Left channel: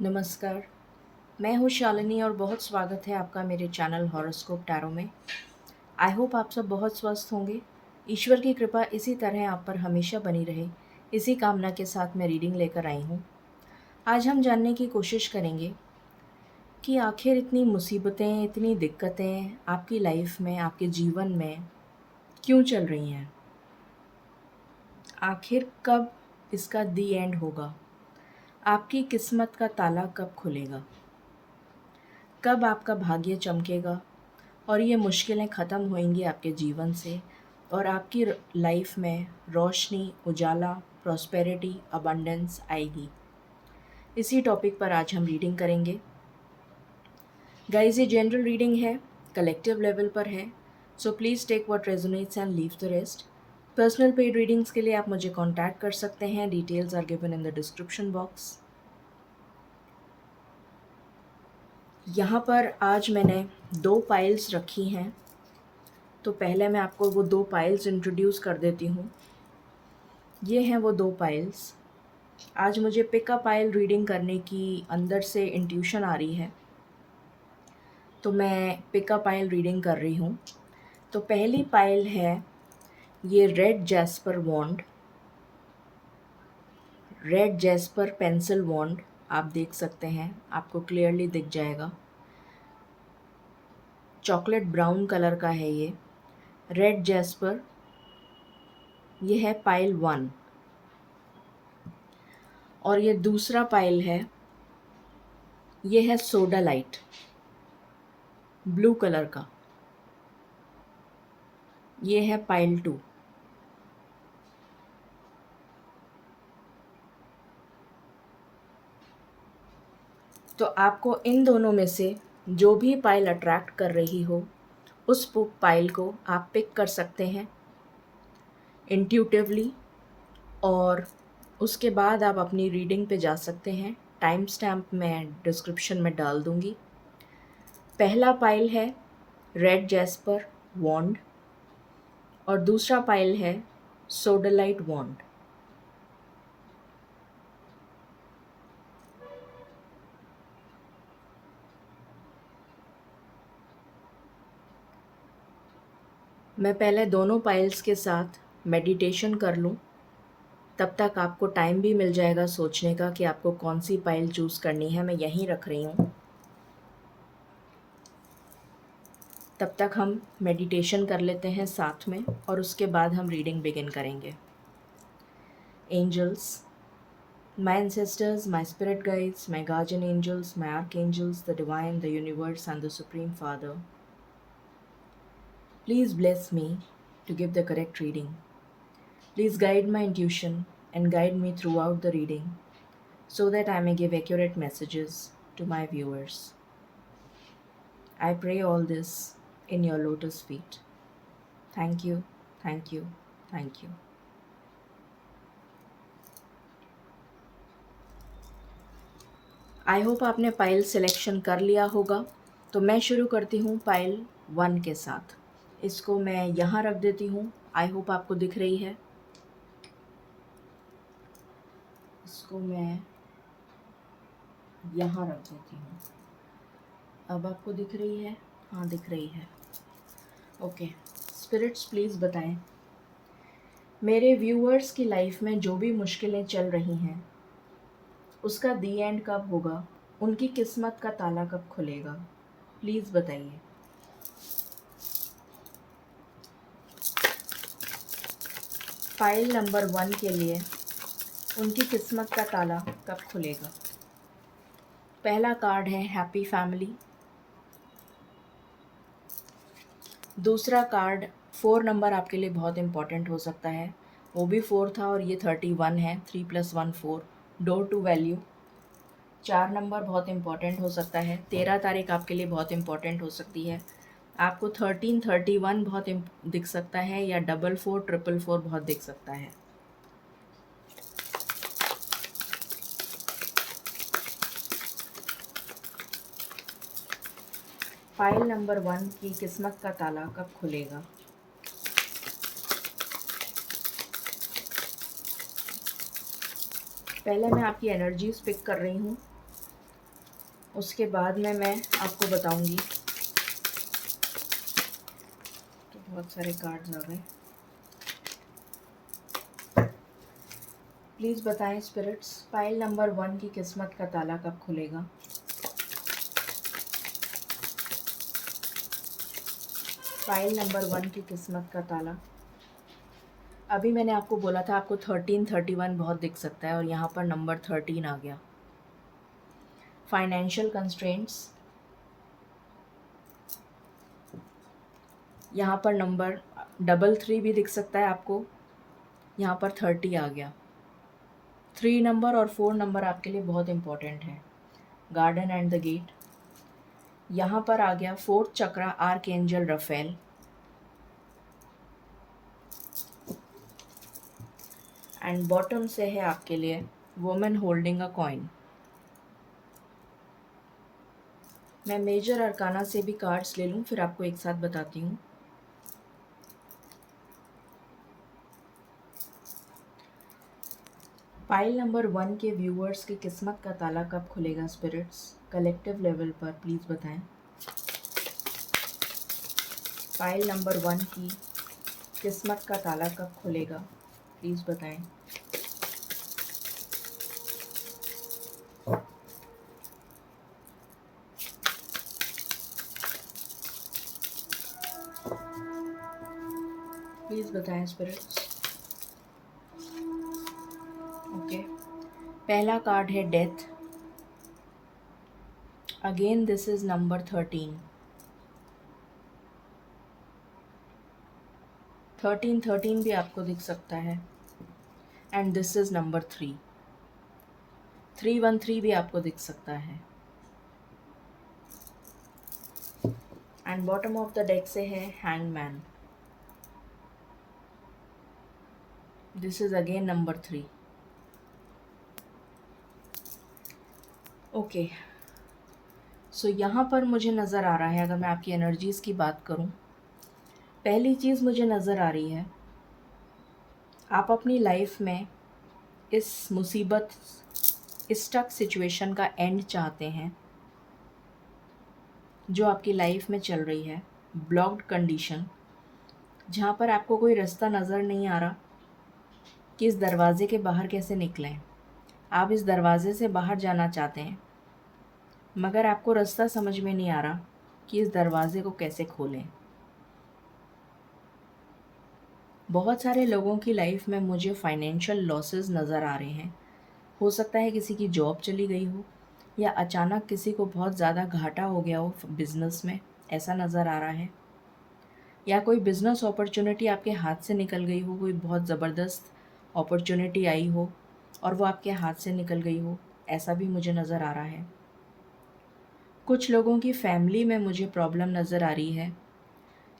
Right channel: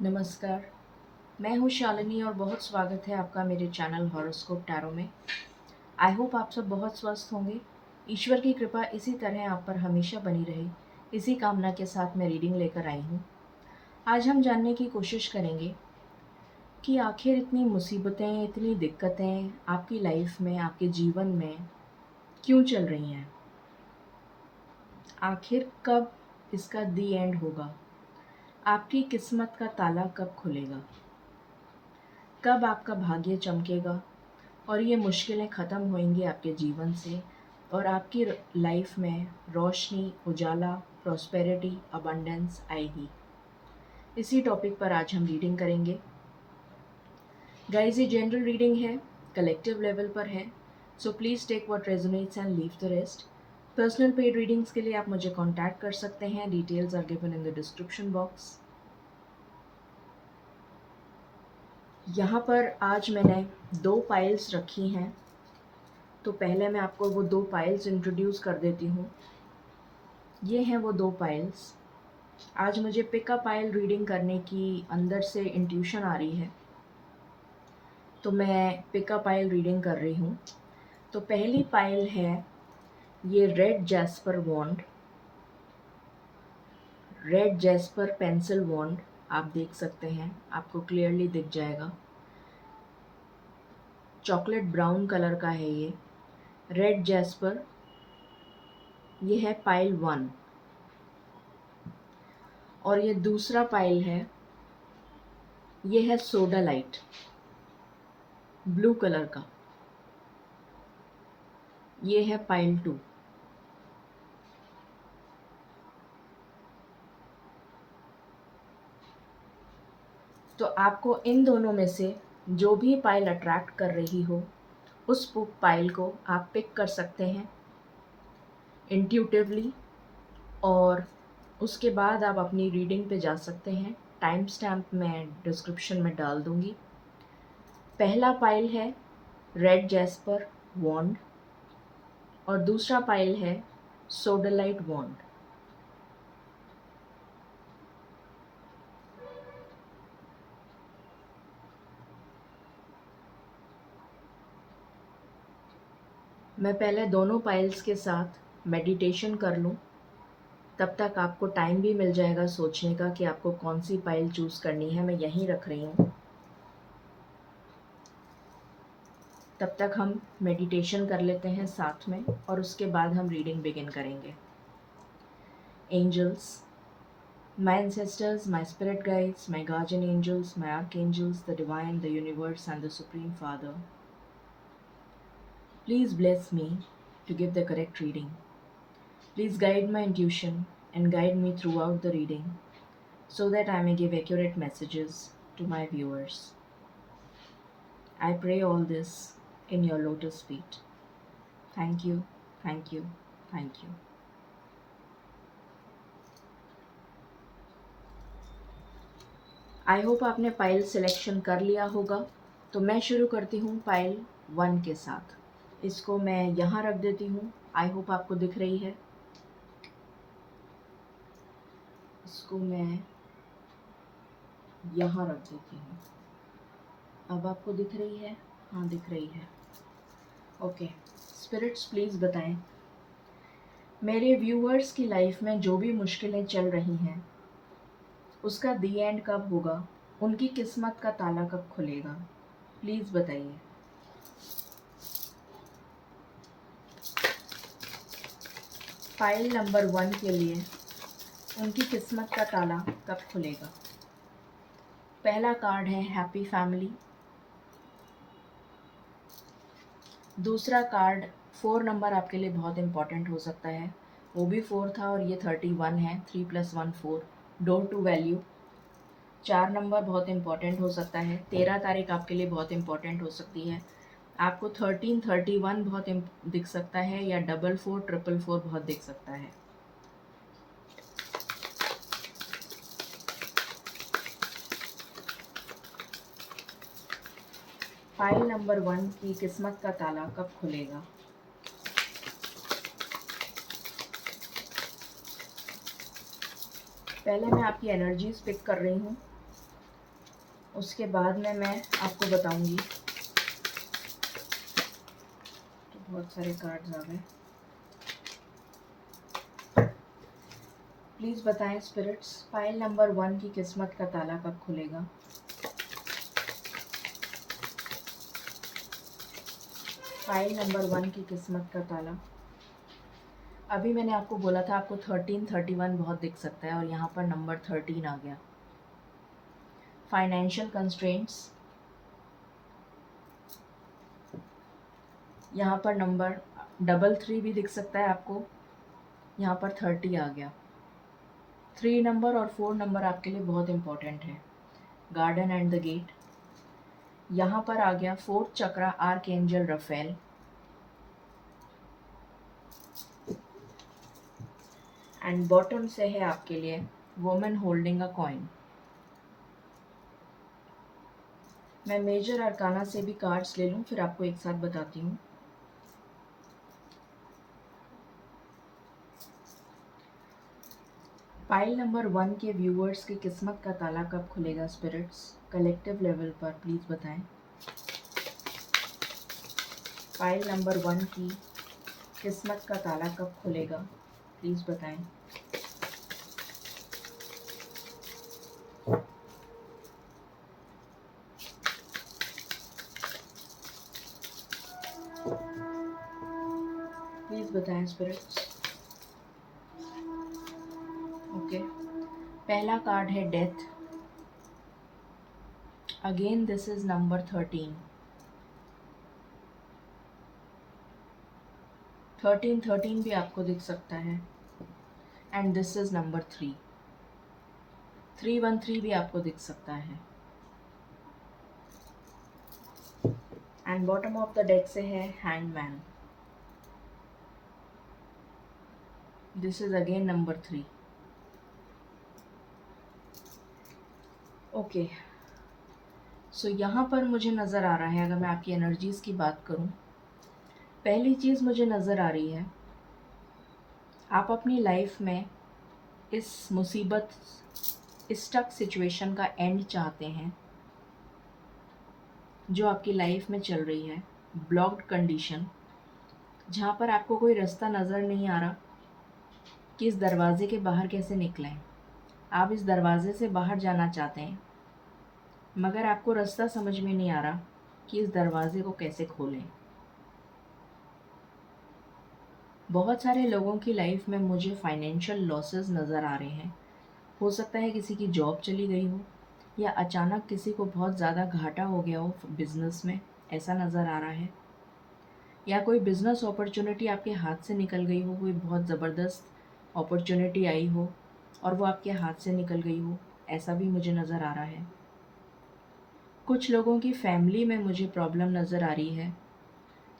नमस्कार, मैं हूँ शालिनी और बहुत स्वागत है आपका मेरे चैनल हॉरोस्कोप टैरो में। आई होप आप सब बहुत स्वस्थ होंगे। ईश्वर की कृपा इसी तरह आप पर हमेशा बनी रहे, इसी कामना के साथ मैं रीडिंग लेकर आई हूँ। आज हम जानने की कोशिश करेंगे कि आखिर इतनी मुसीबतें, इतनी दिक्कतें आपकी लाइफ में, आपके जीवन में क्यों चल रही हैं? आखिर कब इसका दी एंड होगा? आपकी किस्मत का ताला कब खुलेगा? कब आपका भाग्य चमकेगा और ये मुश्किलें ख़त्म होंगी आपके जीवन से और आपकी लाइफ में रोशनी, उजाला, प्रॉस्पेरिटी, अबंडेंस आएगी। इसी टॉपिक पर आज हम रीडिंग करेंगे। गाइस, ये जनरल रीडिंग है, कलेक्टिव लेवल पर है, so please take what resonates and leave the rest. Personal paid readings के लिए आप मुझे कॉन्टैक्ट कर सकते हैं। Details are given in the description box. यहाँ पर आज मैंने 2 पाइल्स रखी हैं, तो पहले मैं आपको वो 2 पाइल्स इंट्रोड्यूस कर देती हूँ। ये हैं वो 2 पाइल्स। आज मुझे पिक अ पाइल रीडिंग करने की अंदर से इंट्यूशन आ रही है, तो मैं पिक अ पाइल रीडिंग कर रही हूँ। तो पहली पाइल है ये रेड जैस्पर वॉन्ड, रेड जैस्पर पेंसिल वॉन्ड। आप देख सकते हैं, आपको क्लियरली दिख जाएगा। चॉकलेट ब्राउन कलर का है ये रेड जैस्पर। ये है पाइल 1 और ये दूसरा पाइल है, ये है सोडा लाइट ब्लू कलर का। ये है पाइल 2। तो आपको इन दोनों में से जो भी पाइल अट्रैक्ट कर रही हो, उस पाइल को आप पिक कर सकते हैं इंट्यूटिवली, और उसके बाद आप अपनी रीडिंग पे जा सकते हैं। टाइम स्टैम्प मैं डिस्क्रिप्शन में डाल दूँगी। पहला पाइल है रेड जैस्पर वॉन्ड और दूसरा पाइल है सोडालाइट वॉन्ड। मैं पहले दोनों पाइल्स के साथ मेडिटेशन कर लूँ, तब तक आपको टाइम भी मिल जाएगा सोचने का कि आपको कौन सी पाइल चूज़ करनी है। मैं यहीं रख रही हूँ, तब तक हम मेडिटेशन कर लेते हैं साथ में और उसके बाद हम रीडिंग बिगिन करेंगे। Angels, my ancestors, my spirit guides, my guardian angels, my archangels, the divine, the universe, and the Supreme Father, please bless me to give the correct reading. Please guide my intuition and guide me throughout the reading so that I may give accurate messages to my viewers. I pray all this in your lotus feet. Thank you, thank you, thank you. I hope आपने pile selection कर लिया होगा। तो मैं शुरू करती हूँ pile 1 के साथ। इसको मैं यहाँ रख देती हूँ। आई होप आपको दिख रही है। इसको मैं यहाँ रख देती हूँ। अब आपको दिख रही है? हाँ, दिख रही है। ओके, स्पिरिट्स प्लीज़ बताएं मेरे व्यूअर्स की लाइफ में जो भी मुश्किलें चल रही हैं, उसका दी एंड कब होगा, उनकी किस्मत का ताला कब खुलेगा, प्लीज़ बताइए। फाइल नंबर 1 के लिए उनकी किस्मत का ताला कब खुलेगा। पहला कार्ड है हैप्पी फैमिली। दूसरा कार्ड 4 नंबर आपके लिए बहुत इम्पॉर्टेंट हो सकता है, वो भी 4 था और ये 31 है। 3 + 1 4, डोर टू वैल्यू। 4 नंबर बहुत इम्पॉर्टेंट हो सकता है। 13 तारीख आपके लिए बहुत इम्पॉर्टेंट हो सकती है। आपको 13 31 बहुत दिख सकता है, या 44 444 बहुत दिख सकता है। फाइल नंबर 1 की किस्मत का ताला कब खुलेगा। पहले मैं आपकी एनर्जीज पिक कर रही हूँ। उसके बाद में मैं आपको बताऊंगी। तो बहुत सारे कार्ड्स आ गए। प्लीज़ बताएं स्पिरिट्स, पाइल नंबर 1 की किस्मत का ताला कब खुलेगा? पाइल नंबर 1 की किस्मत का ताला। अभी मैंने आपको बोला था आपको 1331 बहुत दिख सकता है और यहाँ पर नंबर 13 आ गया। फाइनेंशियल कंस्ट्रेंट्स, यहाँ पर नंबर 33 भी दिख सकता है आपको, यहाँ पर 30 आ गया। 3 नंबर और 4 नंबर आपके लिए बहुत इंपॉर्टेंट है। गार्डन एंड द गेट, यहाँ पर आ गया 4th chakra, arch angel Raphael. And bottom से है आपके लिए वुमेन होल्डिंग अ कॉइन। मैं मेजर अरकाना से भी कार्ड्स ले लूँ फिर आपको एक साथ बताती हूँ। पाइल नंबर 1 के व्यूअर्स की किस्मत का ताला कब खुलेगा स्पिरिट्स? कलेक्टिव लेवल पर प्लीज़ बताएं। पाइल नंबर 1 की किस्मत का ताला कब खुलेगा प्लीज़ बताएं। प्लीज़ बताएं स्पिरिट्स। ओके, पहला कार्ड है death. Again this is number 13। 13 भी आपको दिख सकता है। And this is number 3। 313 भी आपको दिख सकता है। And bottom of the deck से है hangman. This is again number 3। Okay, so यहाँ पर मुझे नज़र आ रहा है, अगर मैं आपकी एनर्जीज़ की बात करूँ, पहली चीज़ मुझे नज़र आ रही है आप अपनी लाइफ में इस मुसीबत, इस स्टक सिचुएशन का एंड चाहते हैं जो आपकी लाइफ में चल रही है। ब्लॉक्ड कंडीशन, जहाँ पर आपको कोई रास्ता नज़र नहीं आ रहा कि इस दरवाज़े के बाहर कैसे निकलें। आप इस दरवाज़े से बाहर जाना चाहते हैं मगर आपको रास्ता समझ में नहीं आ रहा कि इस दरवाज़े को कैसे खोलें। बहुत सारे लोगों की लाइफ में मुझे फाइनेंशियल लॉसेस नज़र आ रहे हैं। हो सकता है किसी की जॉब चली गई हो या अचानक किसी को बहुत ज़्यादा घाटा हो गया हो बिज़नेस में, ऐसा नज़र आ रहा है। या कोई बिज़नेस अपॉर्चुनिटी आपके हाथ से निकल गई हो, कोई बहुत ज़बरदस्त अपॉर्चुनिटी आई हो और वो आपके हाथ से निकल गई हो, ऐसा भी मुझे नज़र आ रहा है। कुछ लोगों की फैमिली में मुझे प्रॉब्लम नज़र आ रही है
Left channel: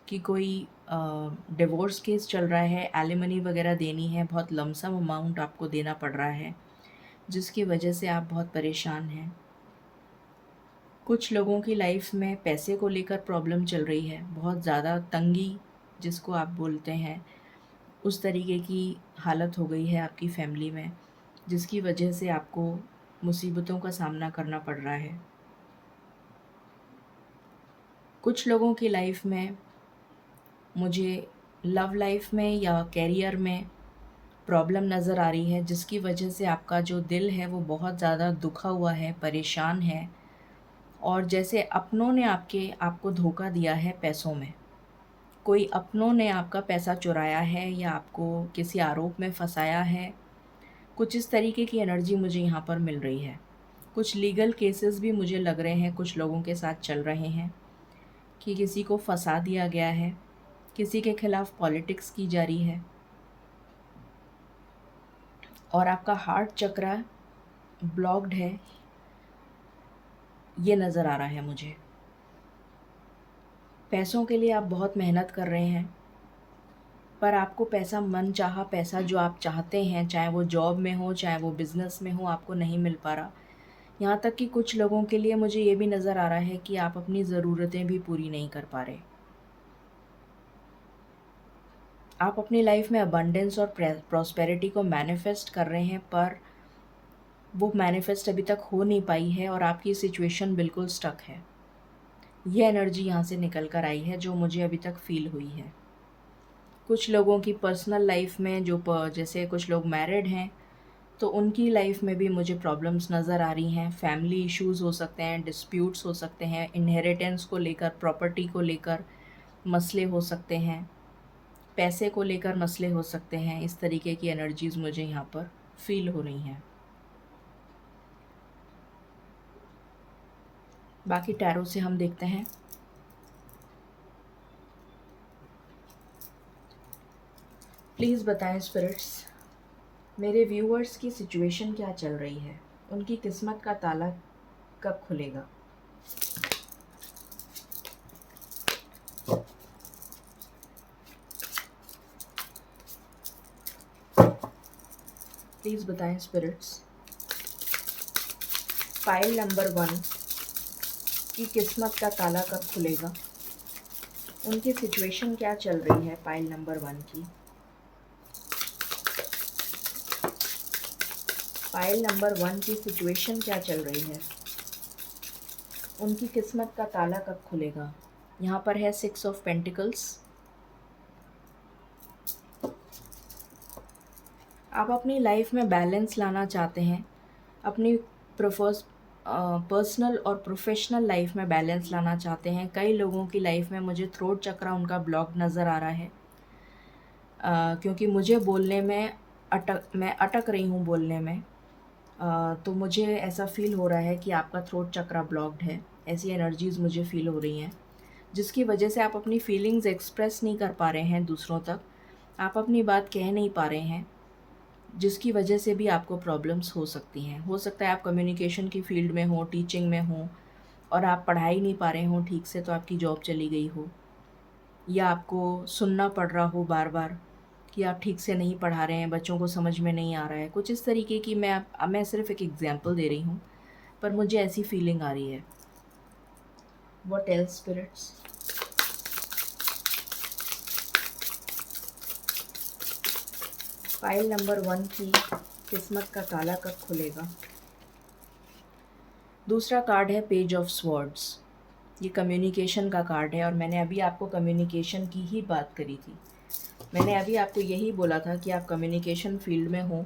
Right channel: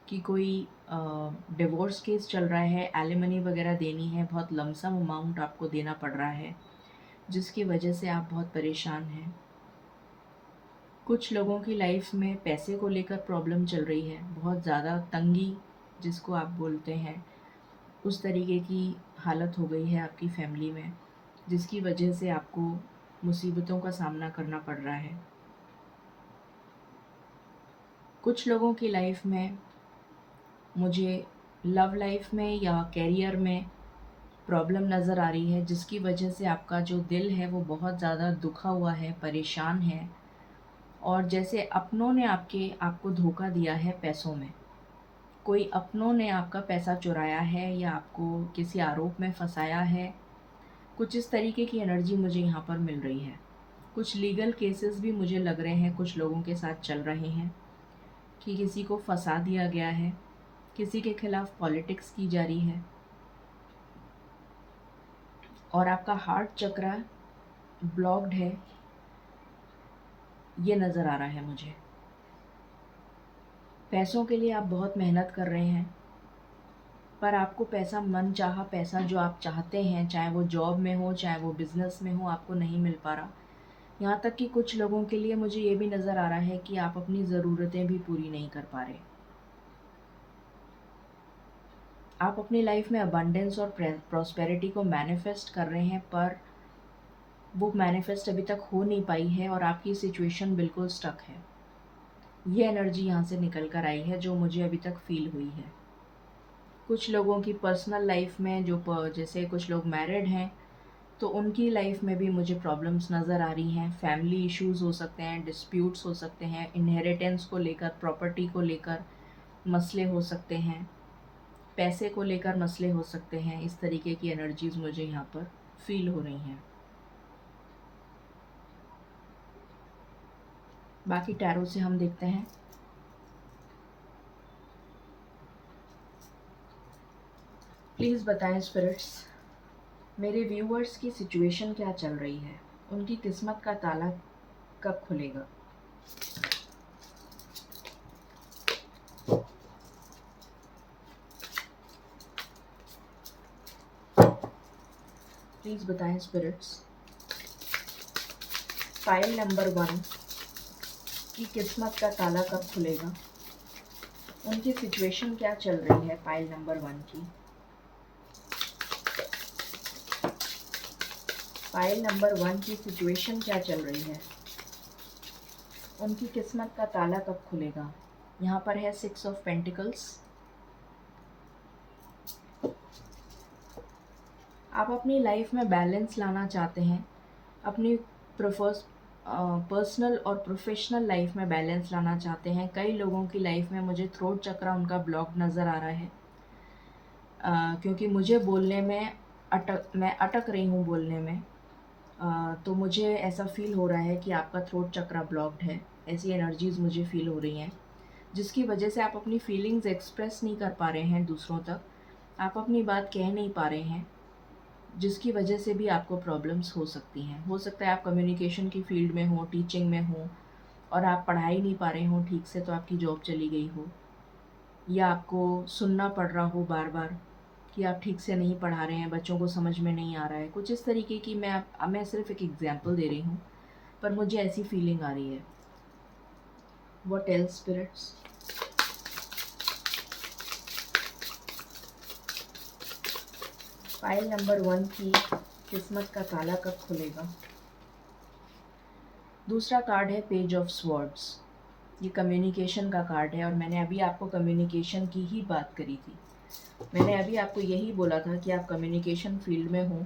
कि कोई डिवोर्स केस चल रहा है, एलिमनी वगैरह देनी है, बहुत लमसम अमाउंट आपको देना पड़ रहा है जिसकी वजह से आप बहुत परेशान हैं। कुछ लोगों की लाइफ में पैसे को लेकर प्रॉब्लम चल रही है, बहुत ज़्यादा तंगी जिसको आप बोलते हैं, उस तरीके की हालत हो गई है आपकी फैमिली में जिसकी वजह से आपको मुसीबतों का सामना करना पड़ रहा है। कुछ लोगों की लाइफ में मुझे लव लाइफ में या कैरियर में प्रॉब्लम नज़र आ रही है जिसकी वजह से आपका जो दिल है वो बहुत ज़्यादा दुखा हुआ है, परेशान है और जैसे अपनों ने आपको धोखा दिया है पैसों में। कोई अपनों ने आपका पैसा चुराया है या आपको किसी आरोप में फंसाया है। कुछ इस तरीके की एनर्जी मुझे यहाँ पर मिल रही है। कुछ लीगल केसेस भी मुझे लग रहे हैं कुछ लोगों के साथ चल रहे हैं कि किसी को फंसा दिया गया है, किसी के खिलाफ पॉलिटिक्स की जा रही है और आपका हार्ट चक्रा ब्लॉक्ड है, ये नज़र आ रहा है मुझे। पैसों के लिए आप बहुत मेहनत कर रहे हैं पर आपको पैसा, मन चाहा पैसा जो आप चाहते हैं, चाहे वो जॉब में हो चाहे वो बिज़नेस में हो, आपको नहीं मिल पा रहा। यहाँ तक कि कुछ लोगों के लिए मुझे ये भी नज़र आ रहा है कि आप अपनी ज़रूरतें भी पूरी नहीं कर पा रहे। आप अपनी लाइफ में अबंडेंस और प्रॉस्पेरिटी को मैनिफेस्ट कर रहे हैं पर वो मैनिफेस्ट अभी तक हो नहीं पाई है और आपकी सिचुएशन बिल्कुल स्टक है। ये एनर्जी यहाँ से निकल कर आई है जो मुझे अभी तक फ़ील हुई है। कुछ लोगों की पर्सनल लाइफ में जैसे कुछ लोग मैरिड हैं, तो उनकी लाइफ में भी मुझे प्रॉब्लम्स नज़र आ रही हैं। फैमिली इश्यूज़ हो सकते हैं, डिस्प्यूट्स हो सकते हैं, इनहेरिटेंस को लेकर, प्रॉपर्टी को लेकर मसले हो सकते हैं, पैसे को लेकर मसले हो सकते हैं। इस तरीके की एनर्जीज़ मुझे यहाँ पर फ़ील हो रही हैं। बाकी टैरो से हम देखते हैं। प्लीज़ बताएं स्पिरिट्स, मेरे व्यूअर्स की सिचुएशन क्या चल रही है, उनकी किस्मत का ताला कब खुलेगा। प्लीज़ बताएं स्पिरिट्स, फाइल नंबर 1 की किस्मत का ताला कब खुलेगा, उनकी सिचुएशन क्या चल रही है फाइल नंबर 1 की। फाइल नंबर 1 की सिचुएशन क्या चल रही है, उनकी किस्मत का ताला कब खुलेगा। यहाँ पर है 6 ऑफ पेंटिकल्स। आप अपनी लाइफ में बैलेंस लाना चाहते हैं, अपनी पर्सनल और प्रोफेशनल लाइफ में बैलेंस लाना चाहते हैं। कई लोगों की लाइफ में मुझे थ्रोट चक्र उनका ब्लॉक नज़र आ रहा है, क्योंकि मुझे बोलने में मैं अटक रही हूँ बोलने में। तो मुझे ऐसा फ़ील हो रहा है कि आपका थ्रोट चक्र ब्लॉक्ड है। ऐसी एनर्जीज़ मुझे फ़ील हो रही हैं, जिसकी वजह से आप अपनी फीलिंग्स एक्सप्रेस नहीं कर पा रहे हैं दूसरों तक, आप अपनी बात कह नहीं पा रहे हैं, जिसकी वजह से भी आपको प्रॉब्लम्स हो सकती हैं। हो सकता है आप कम्युनिकेशन की फ़ील्ड में हो, टीचिंग में हो, और आप पढ़ाई नहीं पा रहे हो ठीक से, तो आपकी जॉब चली गई हो, या आपको सुनना पड़ रहा हो बार बार कि आप ठीक से नहीं पढ़ा रहे हैं, बच्चों को समझ में नहीं आ रहा है। कुछ इस तरीके की मैं सिर्फ एक एग्जांपल दे रही हूँ, पर मुझे ऐसी फीलिंग आ रही है। What else spirits. Pile number 1 की किस्मत का ताला कब खुलेगा। दूसरा कार्ड है पेज ऑफ स्वॉर्ड्स। ये कम्युनिकेशन का कार्ड है, और मैंने अभी आपको कम्युनिकेशन की ही बात करी थी। मैंने अभी आपको यही बोला था कि आप कम्युनिकेशन फील्ड में हो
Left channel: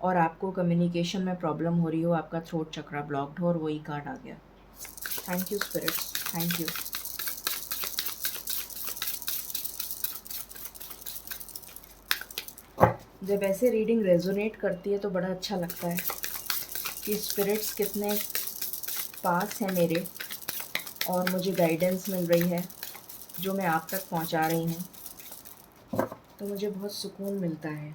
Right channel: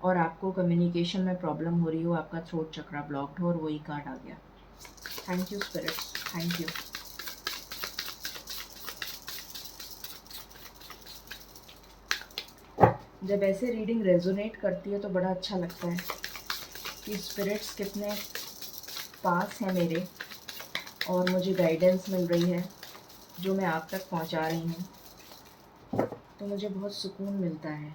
और आपको कम्युनिकेशन में प्रॉब्लम हो रही हो, आपका थ्रोट चक्रा ब्लॉक्ड हो, और वही कार्ड आ गया। Thank you spirits, thank you. जब ऐसे रीडिंग रेजोनेट करती है तो बड़ा अच्छा लगता है कि स्पिरिट्स कितने पास हैं मेरे, और मुझे गाइडेंस मिल रही है जो मैं आप तक पहुंचा रही हूँ, तो मुझे बहुत सुकून मिलता है।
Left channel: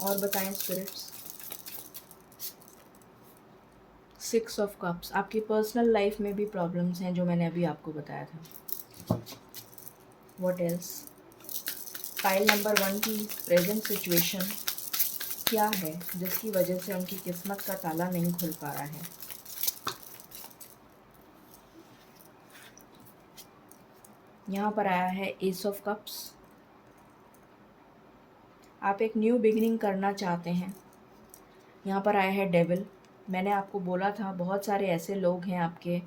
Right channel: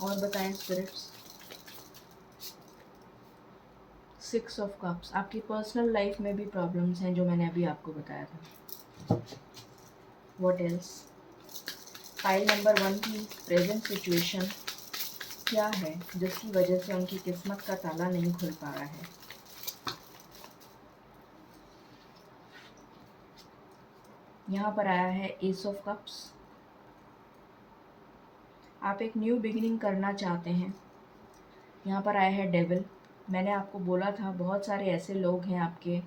और बताएं स्पिरिट्स। 6 ऑफ कप्स, आपकी पर्सनल लाइफ में भी प्रॉब्लम्स हैं जो मैंने अभी आपको बताया था। What else. फाइल नंबर 1 की प्रेजेंट सिचुएशन क्या है जिसकी वजह से उनकी किस्मत का ताला नहीं खुल पा रहा है। यहाँ पर आया है एस ऑफ कप्स। आप एक न्यू बिगिनिंग करना चाहते हैं। यहाँ पर आया है डेविल। मैंने आपको बोला था बहुत सारे ऐसे लोग हैं आपके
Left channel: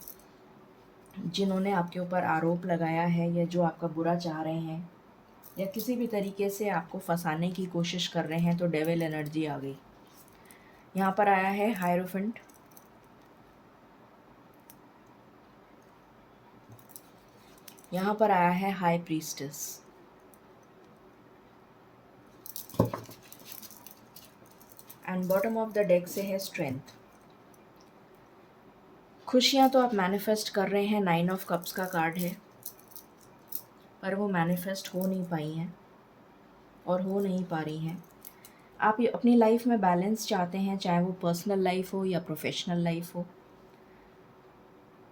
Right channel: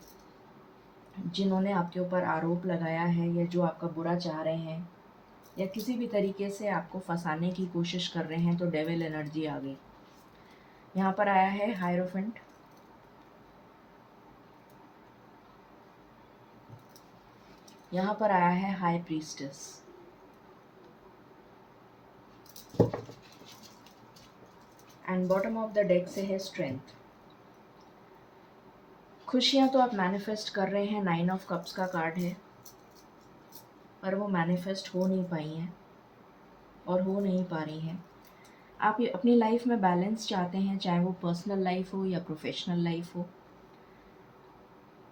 जिन्होंने आपके ऊपर आरोप लगाया है, या जो आपका बुरा चाह रहे हैं, या किसी भी तरीके से आपको फंसाने की कोशिश कर रहे हैं, तो डेविल एनर्जी आ गई। यहाँ पर आया है हायरोफेंट। यहाँ पर आया है high priestess. And bottom of the deck से है स्ट्रेंथ। खुशियाँ तो आप मैनिफेस्ट कर रहे हैं, 9 ऑफ कप्स का कार्ड है, पर वो मैनिफेस्ट हो नहीं पाई हैं और हो नहीं पा रही हैं। आप ये अपनी लाइफ में बैलेंस चाहते हैं, चाहे वो पर्सनल लाइफ हो या प्रोफेशनल लाइफ हो।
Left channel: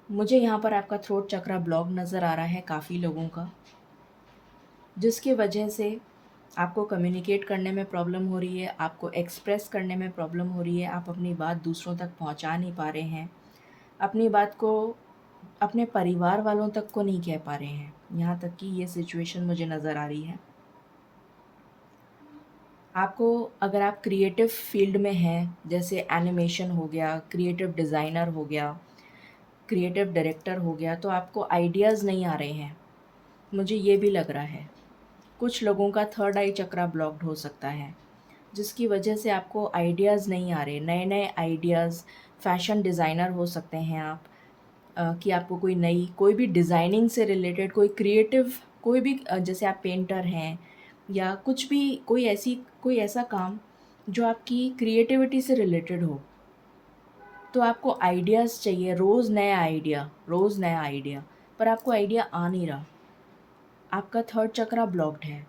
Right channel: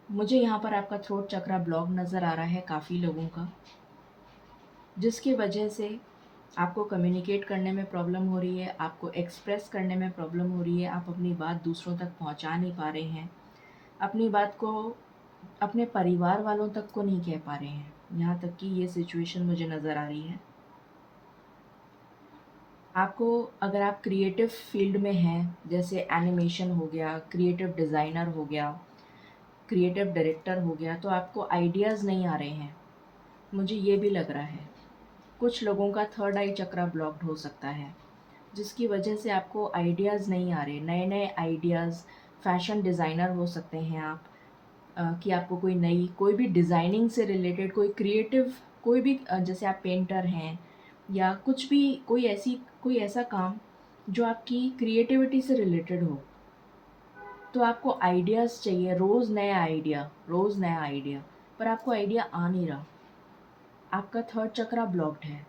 मुझे यहाँ पर आपका थ्रोट चक्रा ब्लॉक नज़र आ रहा है काफ़ी लोगों का, जिसकी वजह से आपको कम्युनिकेट करने में प्रॉब्लम हो रही है, आपको एक्सप्रेस करने में प्रॉब्लम हो रही है, आप अपनी बात दूसरों तक पहुँचा नहीं पा रहे हैं, अपनी बात को अपने परिवार वालों तक को नहीं कह पा रहे हैं। यहाँ तक कि ये सिचुएशन मुझे नज़र आ रही है। आपको, अगर आप क्रिएटिव फील्ड में हैं, जैसे एनिमेशन हो गया, क्रिएटिव डिज़ाइनर हो गया, क्रिएटिव डायरेक्टर हो गया, तो आपको आइडियाज़ नहीं आ रहे हैं, मुझे ये भी लग रहा है। कुछ लोगों का थर्ड आई चक्रा ब्लॉक्ड हो सकता है, जिसकी वजह से आपको आइडियाज़ नहीं आ रहे, नए-नए आइडियाज़। फ़ैशन डिज़ाइनर हो सकते हैं आप, कि आपको कोई भी डिज़ाइनिंग से रिलेटेड कोई क्रिएटिव, कोई भी जैसे आप पेंटर हैं या कुछ भी, कोई ऐसा काम जो आपकी क्रिएटिविटी से रिलेटेड हो, तो आपको आइडियाज़ चाहिए, रोज़ नया आइडिया, पर आपको आइडिया आ नहीं रहा। आपका थर्ड चक्रा ब्लॉक्ड है,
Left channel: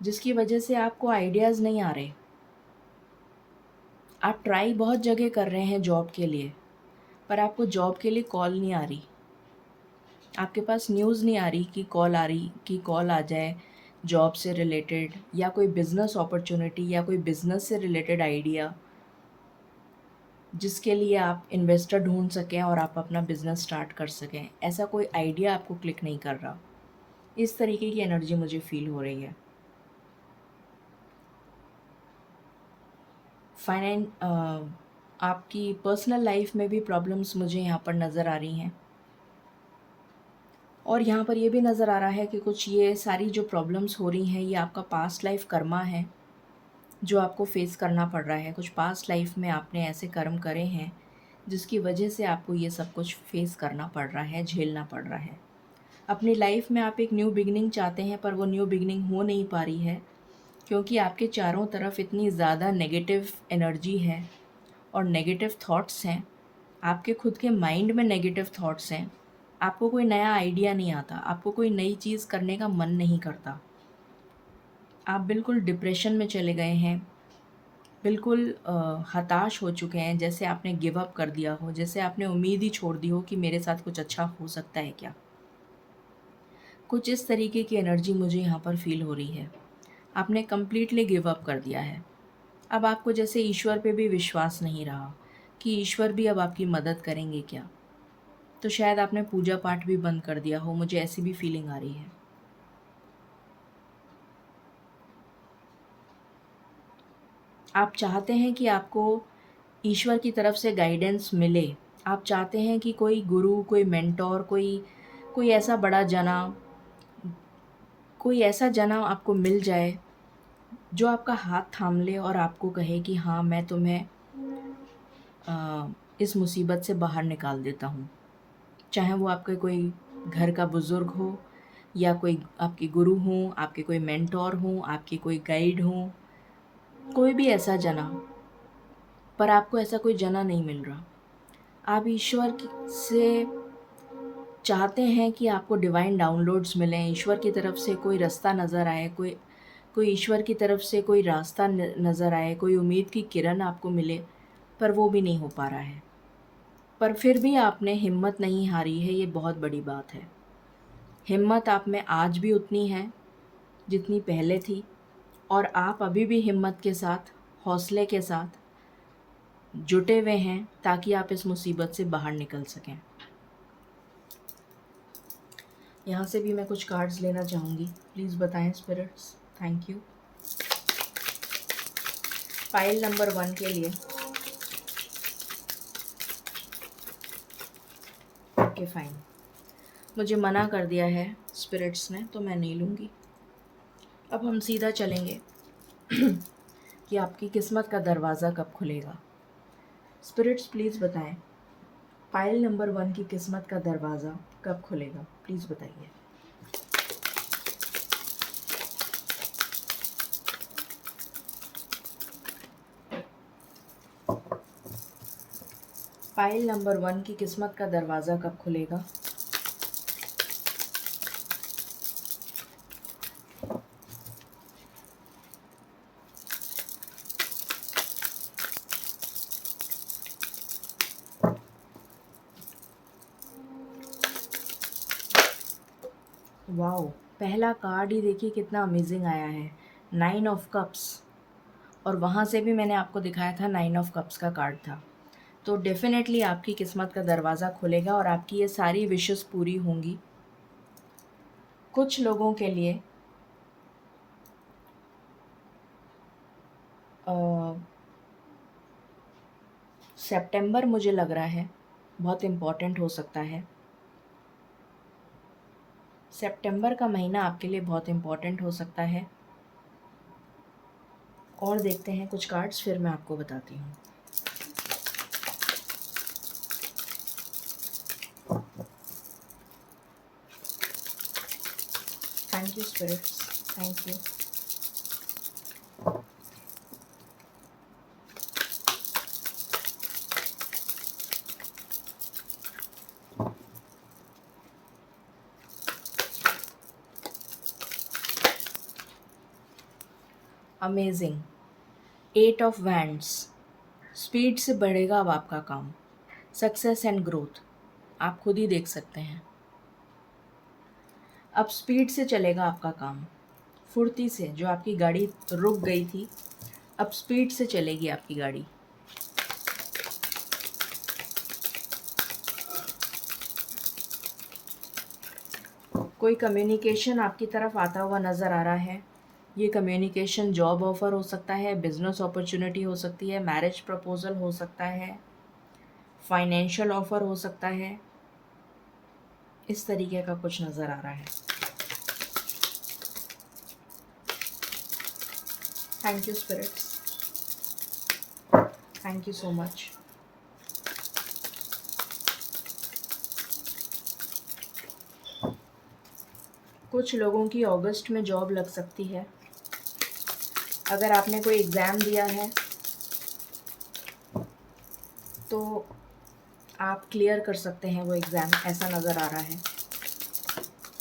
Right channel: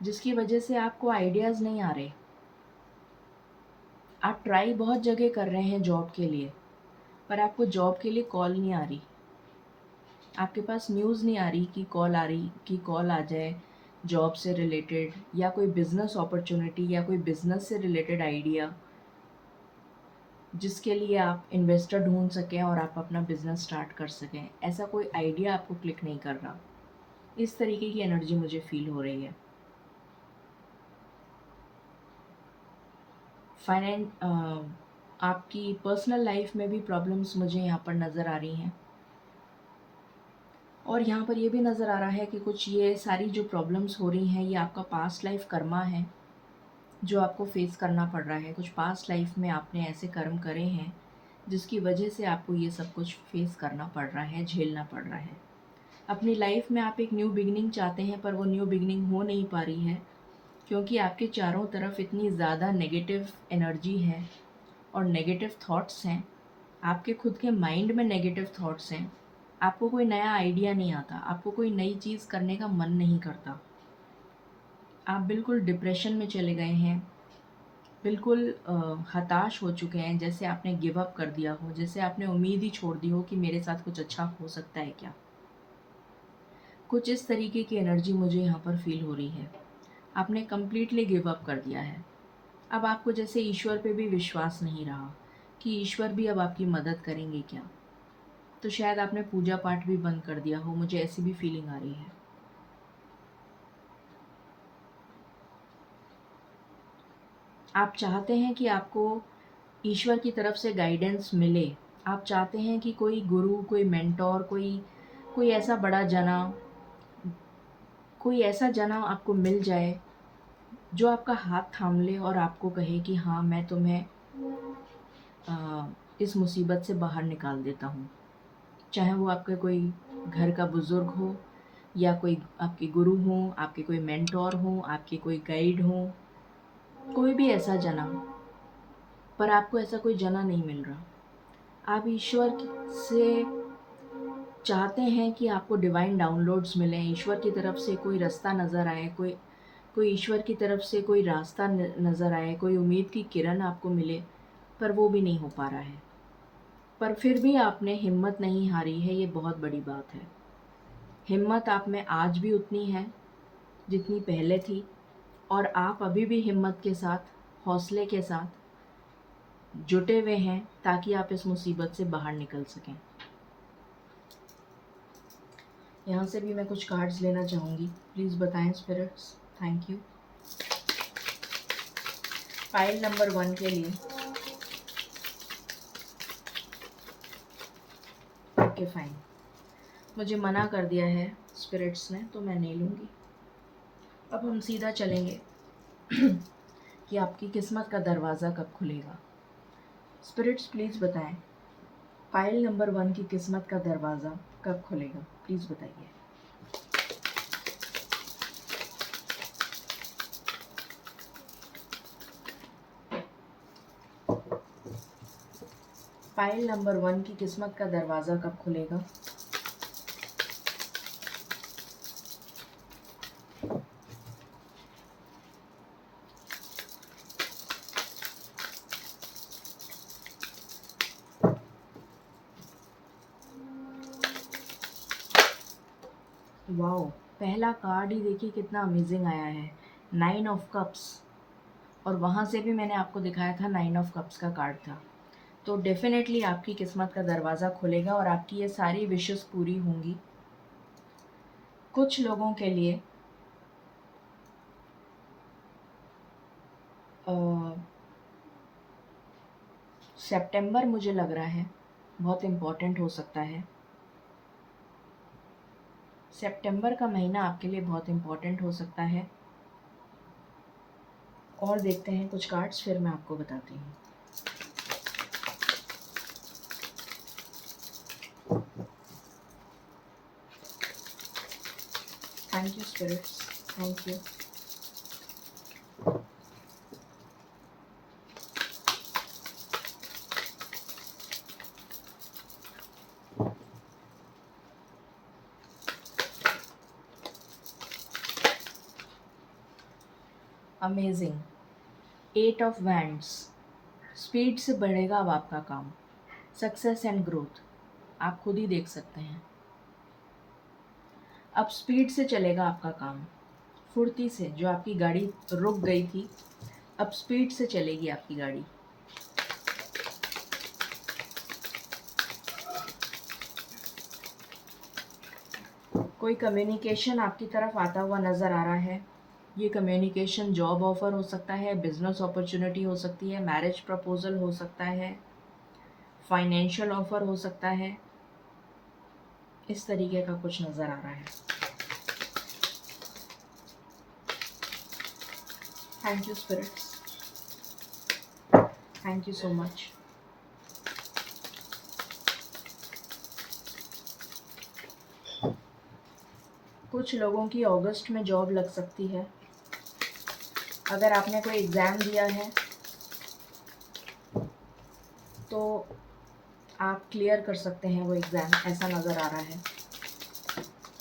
जिसकी वजह से आपको आइडियाज़ नहीं आ रहे। आप ट्राई बहुत जगह कर रहे हैं जॉब के लिए, पर आपको जॉब के लिए कॉल नहीं आ रही। आपके पास न्यूज़ नहीं आ रही कि कॉल आ जाए जॉब से रिलेटेड, या कोई बिज़नेस अपॉर्चुनिटी, या कोई बिज़नेस से रिलेटेड आइडिया, जिसके लिए आप इन्वेस्टर ढूँढ सकें और आप अपना बिज़नेस स्टार्ट कर सकें। ऐसा कोई आइडिया आपको क्लिक नहीं कर रहा। इस तरीके की एनर्जी मुझे फ़ील हो रही है। आपकी पर्सनल लाइफ में भी प्रॉब्लम्स मुझे यहाँ पर नज़र आ रही हैं। और यहाँ पर ये भी नज़र आ रहा है कि कुछ ये सारी जो प्रॉब्लम्स हो रही हैं, ये आपका पास्ट लाइफ कर्मा है, जो आपको फेस करना पड़ रहा है। कुछ पास्ट लाइफ में आपने ऐसे कर्म करे हैं, जिसकी वजह से आपको ये सब कुछ फेस करना पड़ रहा है, झेलना पड़ रहा है। अपनी लाइफ में आप एक न्यू बिगिनिंग चाहते हैं, पर वो न्यू बिगिनिंग हो नहीं पा रही है, क्योंकि आपके चारों तरफ इतनी ज़्यादा नेगेटिव एनर्जी है और नेगेटिव थॉट्स हैं। आपके खुद के माइंड में नेगेटिव थॉट्स हैं। आपको कोई नया आइडिया नहीं आता, आपको कोई नई चीज़ करने का मन नहीं करता। आप बिल्कुल डिप्रेशन में चले गए हैं, बिल्कुल हताश हो चुके हैं, जैसे आपने गिव अप कर दिया हो, जैसे आपने उम्मीद ही छोड़ दी हो कि मेरे साथ कुछ अच्छा हो सकता है क्या। कुछ इस तरीके की एनर्जी मुझे यहाँ पर फ़ील हो रही है। आपने कंप्लीटली गिव अप कर दिया है। अब आपको जैसे ईश्वर पे भी विश्वास नहीं रहा कि ईश्वर भी अब आपकी मदद करेंगे क्या। तो शायद आपने पूजा पाठ भी बंद कर दिया हो, मुझे ऐसी भी फीलिंग आ रही है। आप चाहते हैं कि आपको ईश्वर की तरफ से गाइडेंस मिले। आप चाहते हैं कि कोई गुरु, कोई मेंटोर, कोई ऐसा बड़ा जना, कोई ऐसा जना आपको मिल जाए, जो आपका हाथ थाम ले और आपको कहे कि हाँ, मैं तुम्हें इस मुसीबत से बाहर निकाल देता हूँ। चाहे वो आपके कोई घर का बुज़ुर्ग हो, या कोई आपके गुरु हों, आपके कोई मेंटोर हों, आपके कोई गाइड हों, कोई भी ऐसा जना, पर आपको ऐसा कोई जना नहीं मिल रहा। आप से चाहते हैं कि आपको डिवाइन डाउनलोड्स मिलें, ईश्वर की तरफ से कोई रास्ता नज़र आए, कोई कोई ईश्वर की तरफ से कोई रास्ता नज़र आए, कोई उम्मीद की किरण आपको मिले, पर वो भी नहीं हो पा रहा है। पर फिर भी आपने हिम्मत नहीं हारी है, ये बहुत बड़ी बात है। हिम्मत आप में आज भी उतनी है जितनी पहले थी, और आप अभी भी हिम्मत के साथ, हौसले के साथ जुटे हुए हैं, ताकि आप इस मुसीबत से बाहर निकल सकें। यहाँ से भी मैं कुछ कार्ड्स लेना चाहूँगी, प्लीज़ बताएं spirits. Thank you. Pile number 1 के लिए। ओके फाइन, मुझे मना कर दिया है स्पिरिट्स ने, तो मैं नहीं लूँगी। अब हम सीधा चलेंगे कि आपकी किस्मत का दरवाज़ा कब खुलेगा। स्पिरिट्स प्लीज़ बताएं, फाइल नंबर 1 की किस्मत का दरवाज़ा कब खुलेगा, प्लीज़ बताइए। फाइल नंबर 1 की किस्मत का दरवाज़ा कब खुलेगा। वाओ, पहला कार्ड ही देखिए कितना अमेजिंग आया है, 9 ऑफ कप्स। और वहाँ से भी मैंने आपको दिखाया था 9 ऑफ कप्स का कार्ड था। तो डेफ़िनेटली आपकी किस्मत का दरवाज़ा खुलेगा और आपकी ये सारी विशेस पूरी होंगी। कुछ लोगों के लिए सितंबर मुझे लग रहा है बहुत इम्पोर्टेंट हो सकता है। सितंबर का महीना आपके लिए बहुत इम्पोर्टेंट हो सकता है। और देखते हैं कुछ कार्ड्स, फिर मैं आपको बताती हूँ। Thank you spirits, thank you. Amazing, 8 of wands. Speed से बढ़ेगा अब आपका काम, सक्सेस एंड ग्रोथ आप खुद ही देख सकते हैं। अब स्पीड से चलेगा आपका काम, फुर्ती से। जो आपकी गाड़ी रुक गई थी, अब स्पीड से चलेगी आपकी गाड़ी। कोई कम्युनिकेशन आपकी तरफ आता हुआ नज़र आ रहा है। ये कम्युनिकेशन जॉब ऑफ़र हो सकता है, बिज़नेस अपॉर्चुनिटी हो सकती है, मैरिज प्रपोज़ल हो सकता है, फाइनेंशियल ऑफ़र हो सकता है। इस तरीके का कुछ नज़र आ रहा है। Thank you spirits, thank you so much. कुछ लोगों की अगस्त में जॉब लग सकती है। अगर आपने कोई एग्ज़ाम दिया है तो आप क्लियर कर सकते हैं वो एग्ज़ाम, ऐसा नज़र आ रहा है।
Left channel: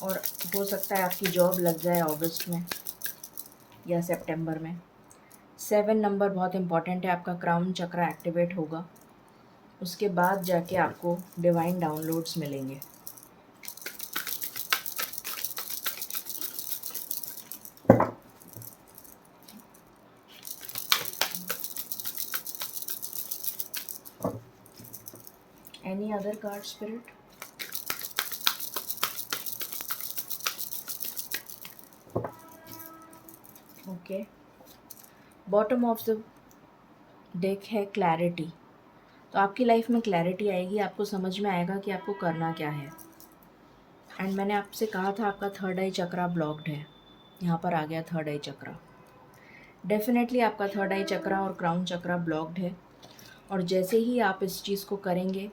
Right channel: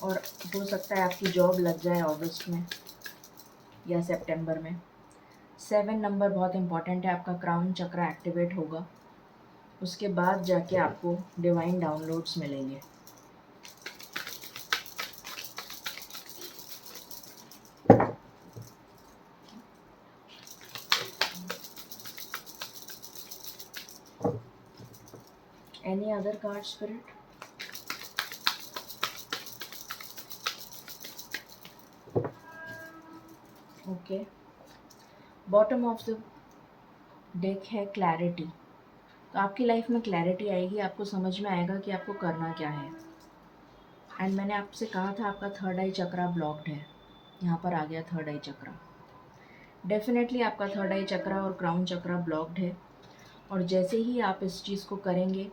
और हो सकता है आपकी जॉब लग जाए अगस्त में या सितंबर में। 7 नंबर बहुत इम्पॉर्टेंट है, आपका क्राउन चक्र एक्टिवेट होगा। उसके बाद जाके आपको डिवाइन डाउनलोड्स मिलेंगे। Any other card spirit? Okay, bottom of the deck है क्लैरिटी। तो आपकी लाइफ में क्लैरिटी आएगी, आपको समझ में आएगा कि आपको करना क्या है। एंड मैंने आपसे कहा था आपका थर्ड आई चक्रा ब्लॉक्ड है, यहाँ पर आ गया थर्ड आई चक्रा। डेफिनेटली आपका थर्ड आई चक्रा और क्राउन चक्रा ब्लॉक्ड है। और जैसे ही आप इस चीज़ को करेंगे,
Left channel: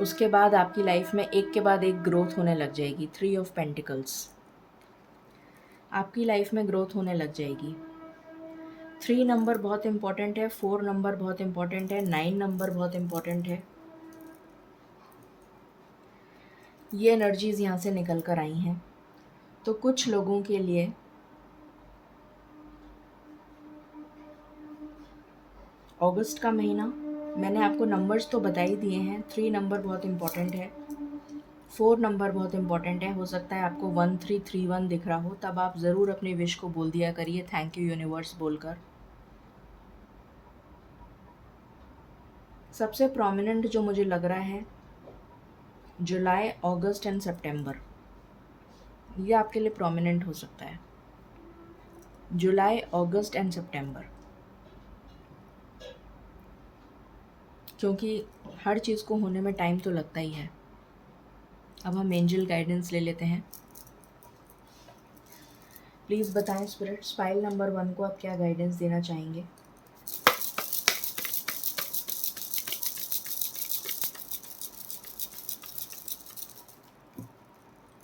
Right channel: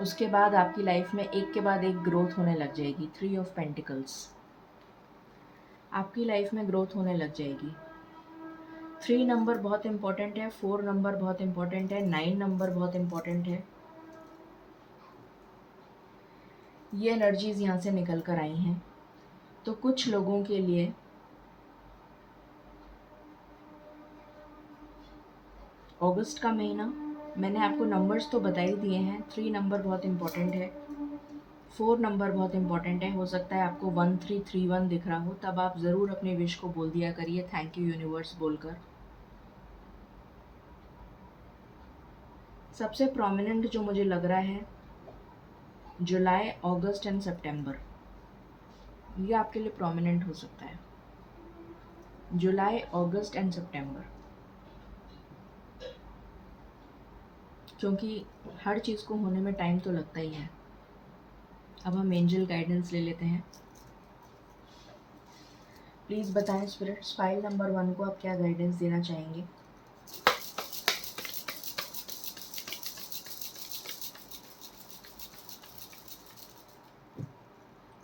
उसके बाद आपकी लाइफ में एक के बाद एक ग्रोथ होने लग जाएगी। 3 ऑफ पेंटिकल्स, आपकी लाइफ में ग्रोथ होने लग जाएगी। 3 नंबर बहुत इम्पॉर्टेंट है, 4 नंबर बहुत इम्पॉर्टेंट है, 9 नंबर बहुत इम्पॉर्टेंट है। ये एनर्जीज़ यहाँ से निकल कर आई हैं। तो कुछ लोगों के लिए अगस्त का महीना, मैंने आपको नंबर्स तो बता ही दिए हैं। 3 नंबर बहुत इम्पॉर्टेंट है, 4 नंबर बहुत इम्पॉर्टेंट है। हो सकता है आपको 1331 दिख रहा हो, तब आप ज़रूर अपनी विश को बोल दिया करिए थैंक यू यूनिवर्स बोलकर। सबसे प्रोमिनेंट जो मुझे लग रहा है, जुलाई, अगस्त एंड सितंबर, ये आपके लिए प्रोमिनेंट हो सकता है। जुलाई, अगस्त एंड सितंबर, क्योंकि हर चीज़ को होने में टाइम तो लगता ही है। अब हम एंजल गाइडेंस ले लेते हैं। प्लीज़ बताएं स्पिरिट्स, फाइल नंबर 1 को आप क्या गाइडेंस देना चाहेंगे?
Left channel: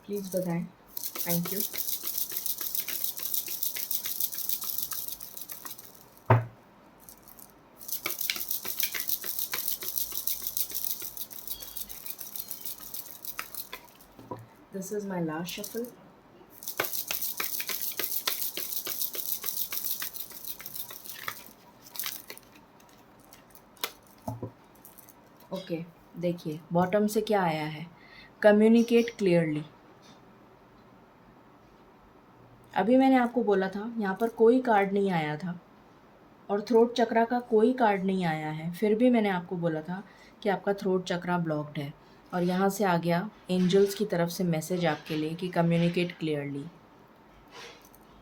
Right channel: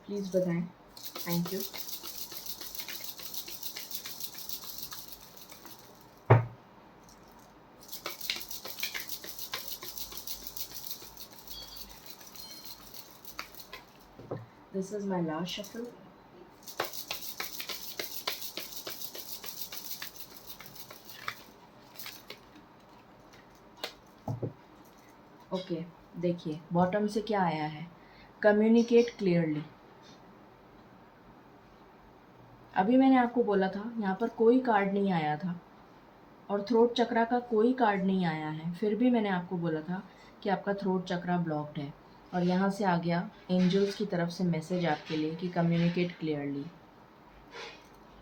प्लीज़ बताएं। Thank you. This is my last shuffle. Okay, देखिए बॉटम से क्या आया है, कम्युनिकेट क्लियरली। अभी मैंने आपको बोला था यहाँ पर कोई कार्ड नहीं आया था और थ्रोट चक्रा का कोई कार्ड नहीं आया है, फिर भी मैंने आपको बोला था कि आपका थ्रोट चक्रा ब्लॉक्ड है। और यहाँ से आ गया एंजल्स की तरफ से मैसेज आपके लिए कि communicate clearly.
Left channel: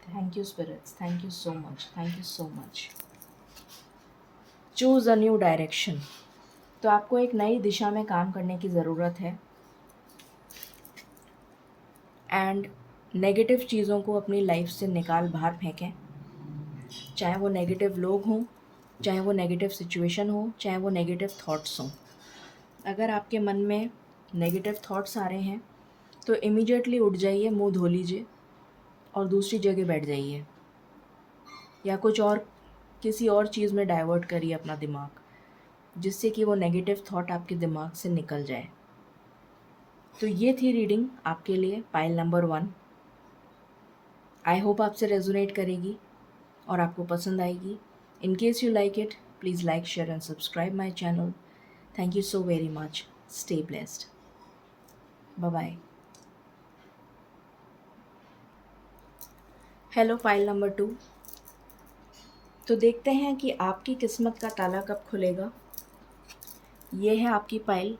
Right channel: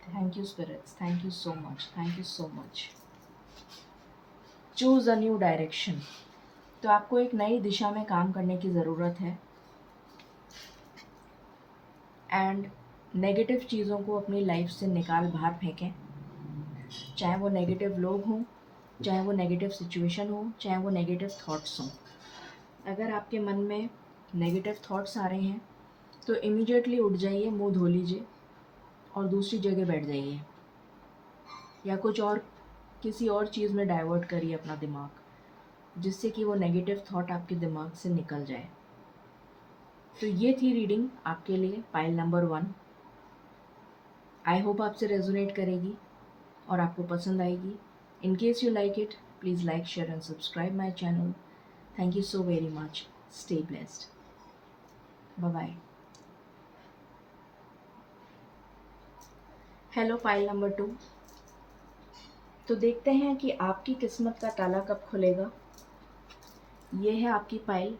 Thank you spirits, thank you so much, thank you so much. Choose a new direction. तो आपको एक नई दिशा में काम करने की ज़रूरत है। एंड नेगेटिव चीज़ों को अपनी लाइफ से निकाल बाहर फेंकें, चाहे वो नेगेटिव लोग हों, चाहे वो नेगेटिव सिचुएशन हो, चाहे वो नेगेटिव थॉट्स हों। अगर आपके मन में नेगेटिव थॉट्स आ रहे हैं तो इमीडिएटली उठ जाइए, मुंह धो लीजिए और दूसरी जगह बैठ जाइए, या कुछ और किसी और चीज़ में डाइवर्ट करिए अपना दिमाग, जिससे कि वो नेगेटिव थॉट आपके दिमाग से निकल जाए। तो ये थी रीडिंग आपके लिए, पाइल नंबर 1। आई होप आपसे रेजोनेट करेगी और आपको पसंद आएगी। In case you like it, please like, share and subscribe my channel. Thank you so very much. Stay blessed. Bye bye. Hello pile number 2। तो देखते हैं कि आपकी किस्मत का ताला कब खुलेगा। ये है आपकी पाइल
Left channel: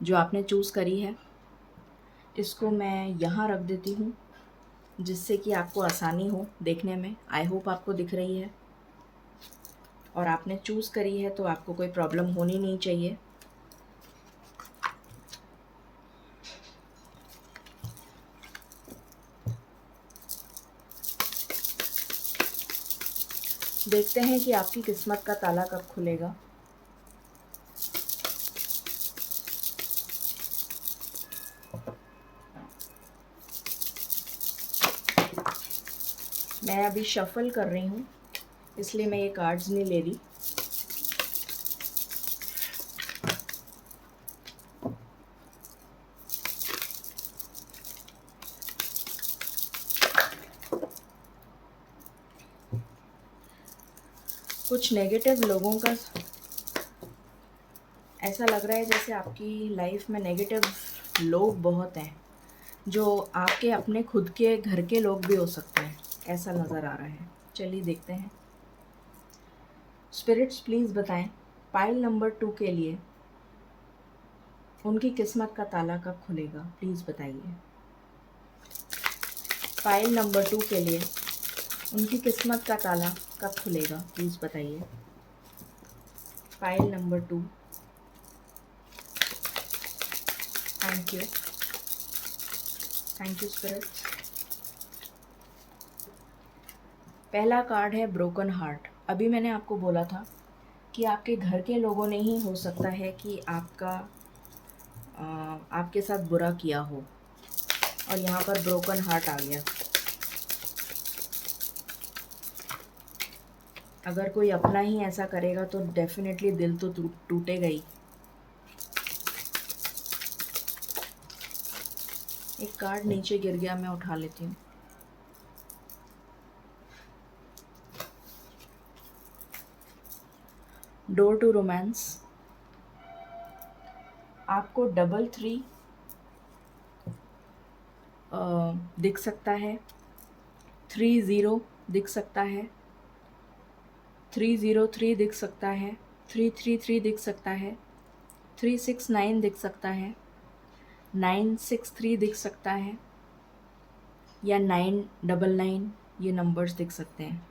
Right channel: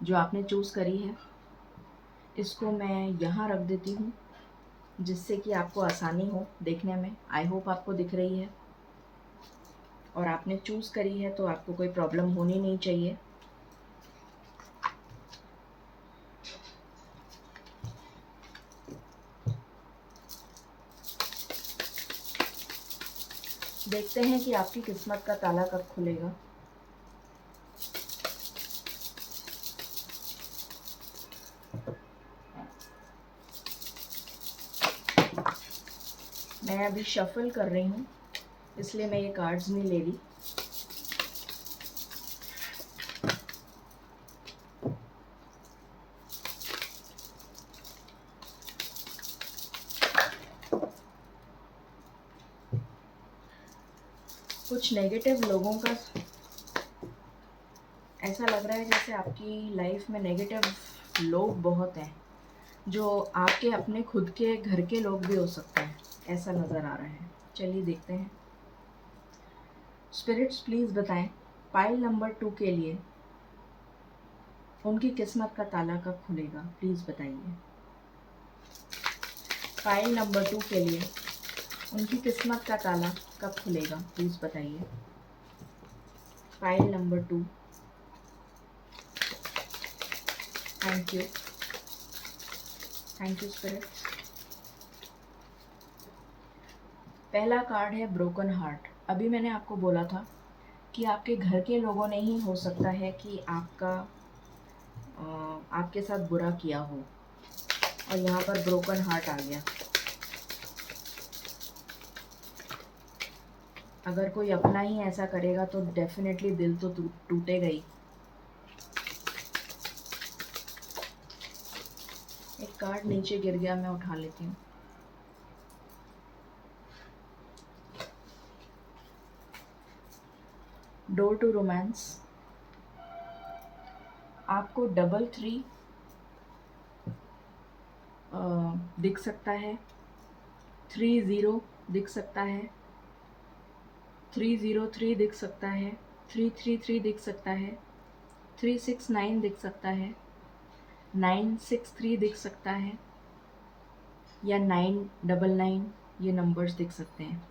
जो आपने चूज़ करी है। इसको मैं यहाँ रख देती हूँ जिससे कि आपको आसानी हो देखने में। आई होप आपको दिख रही है और आपने चूज़ करी है तो आपको कोई प्रॉब्लम होनी नहीं चाहिए। देखते हैं कि आपकी किस्मत का ताला कब खुलेगा। मैं अभी शफल कर रही हूँ, इसलिए मैं ये कार्ड्स नहीं ले रही। कुछ नेगेटिव लोगों का ऐसा लग रहा है जैसे आपकी लाइफ में नेगेटिव लोग बहुत हैं, जो आपके अपने खुद के घर के लोग भी हो सकते हैं, ऐसा नज़र आ रहा है। चलिए देखते हैं। स्पिरिट्स प्लीज़ बताएं पाइल नंबर 2 के लिए उनकी किस्मत का ताला कब खुलेगा। प्लीज़ बताइए। पाइल नंबर 2 के लिए उनकी किस्मत का ताला कब खुलेगा। प्लीज़ बताइए। Pile number 2। Thank you, thank you spirits. पहला कार्ड है ब्रोकन हार्ट। अभी मैंने आपको बोला था कि आपके घर के लोगों ने ही हो सकता है कि आपके साथ बुरा किया हो, और यहाँ पर ब्रोकन हार्ट आ गया। अगर कोई अपना ही ऐसा करेगा तो डेफिनेटली दिल तो टूटेगा ही। एक कार्ड नीचे गिर गया, मैं उठा लेती हूँ। Door to romance. आपको 33 दिख सकता है, 30 दिख सकता है, 303 दिख सकता है, 333 दिख सकता है, 369 दिख सकता है, 963 दिख सकता है, या 999, ये नंबर्स दिख सकते हैं।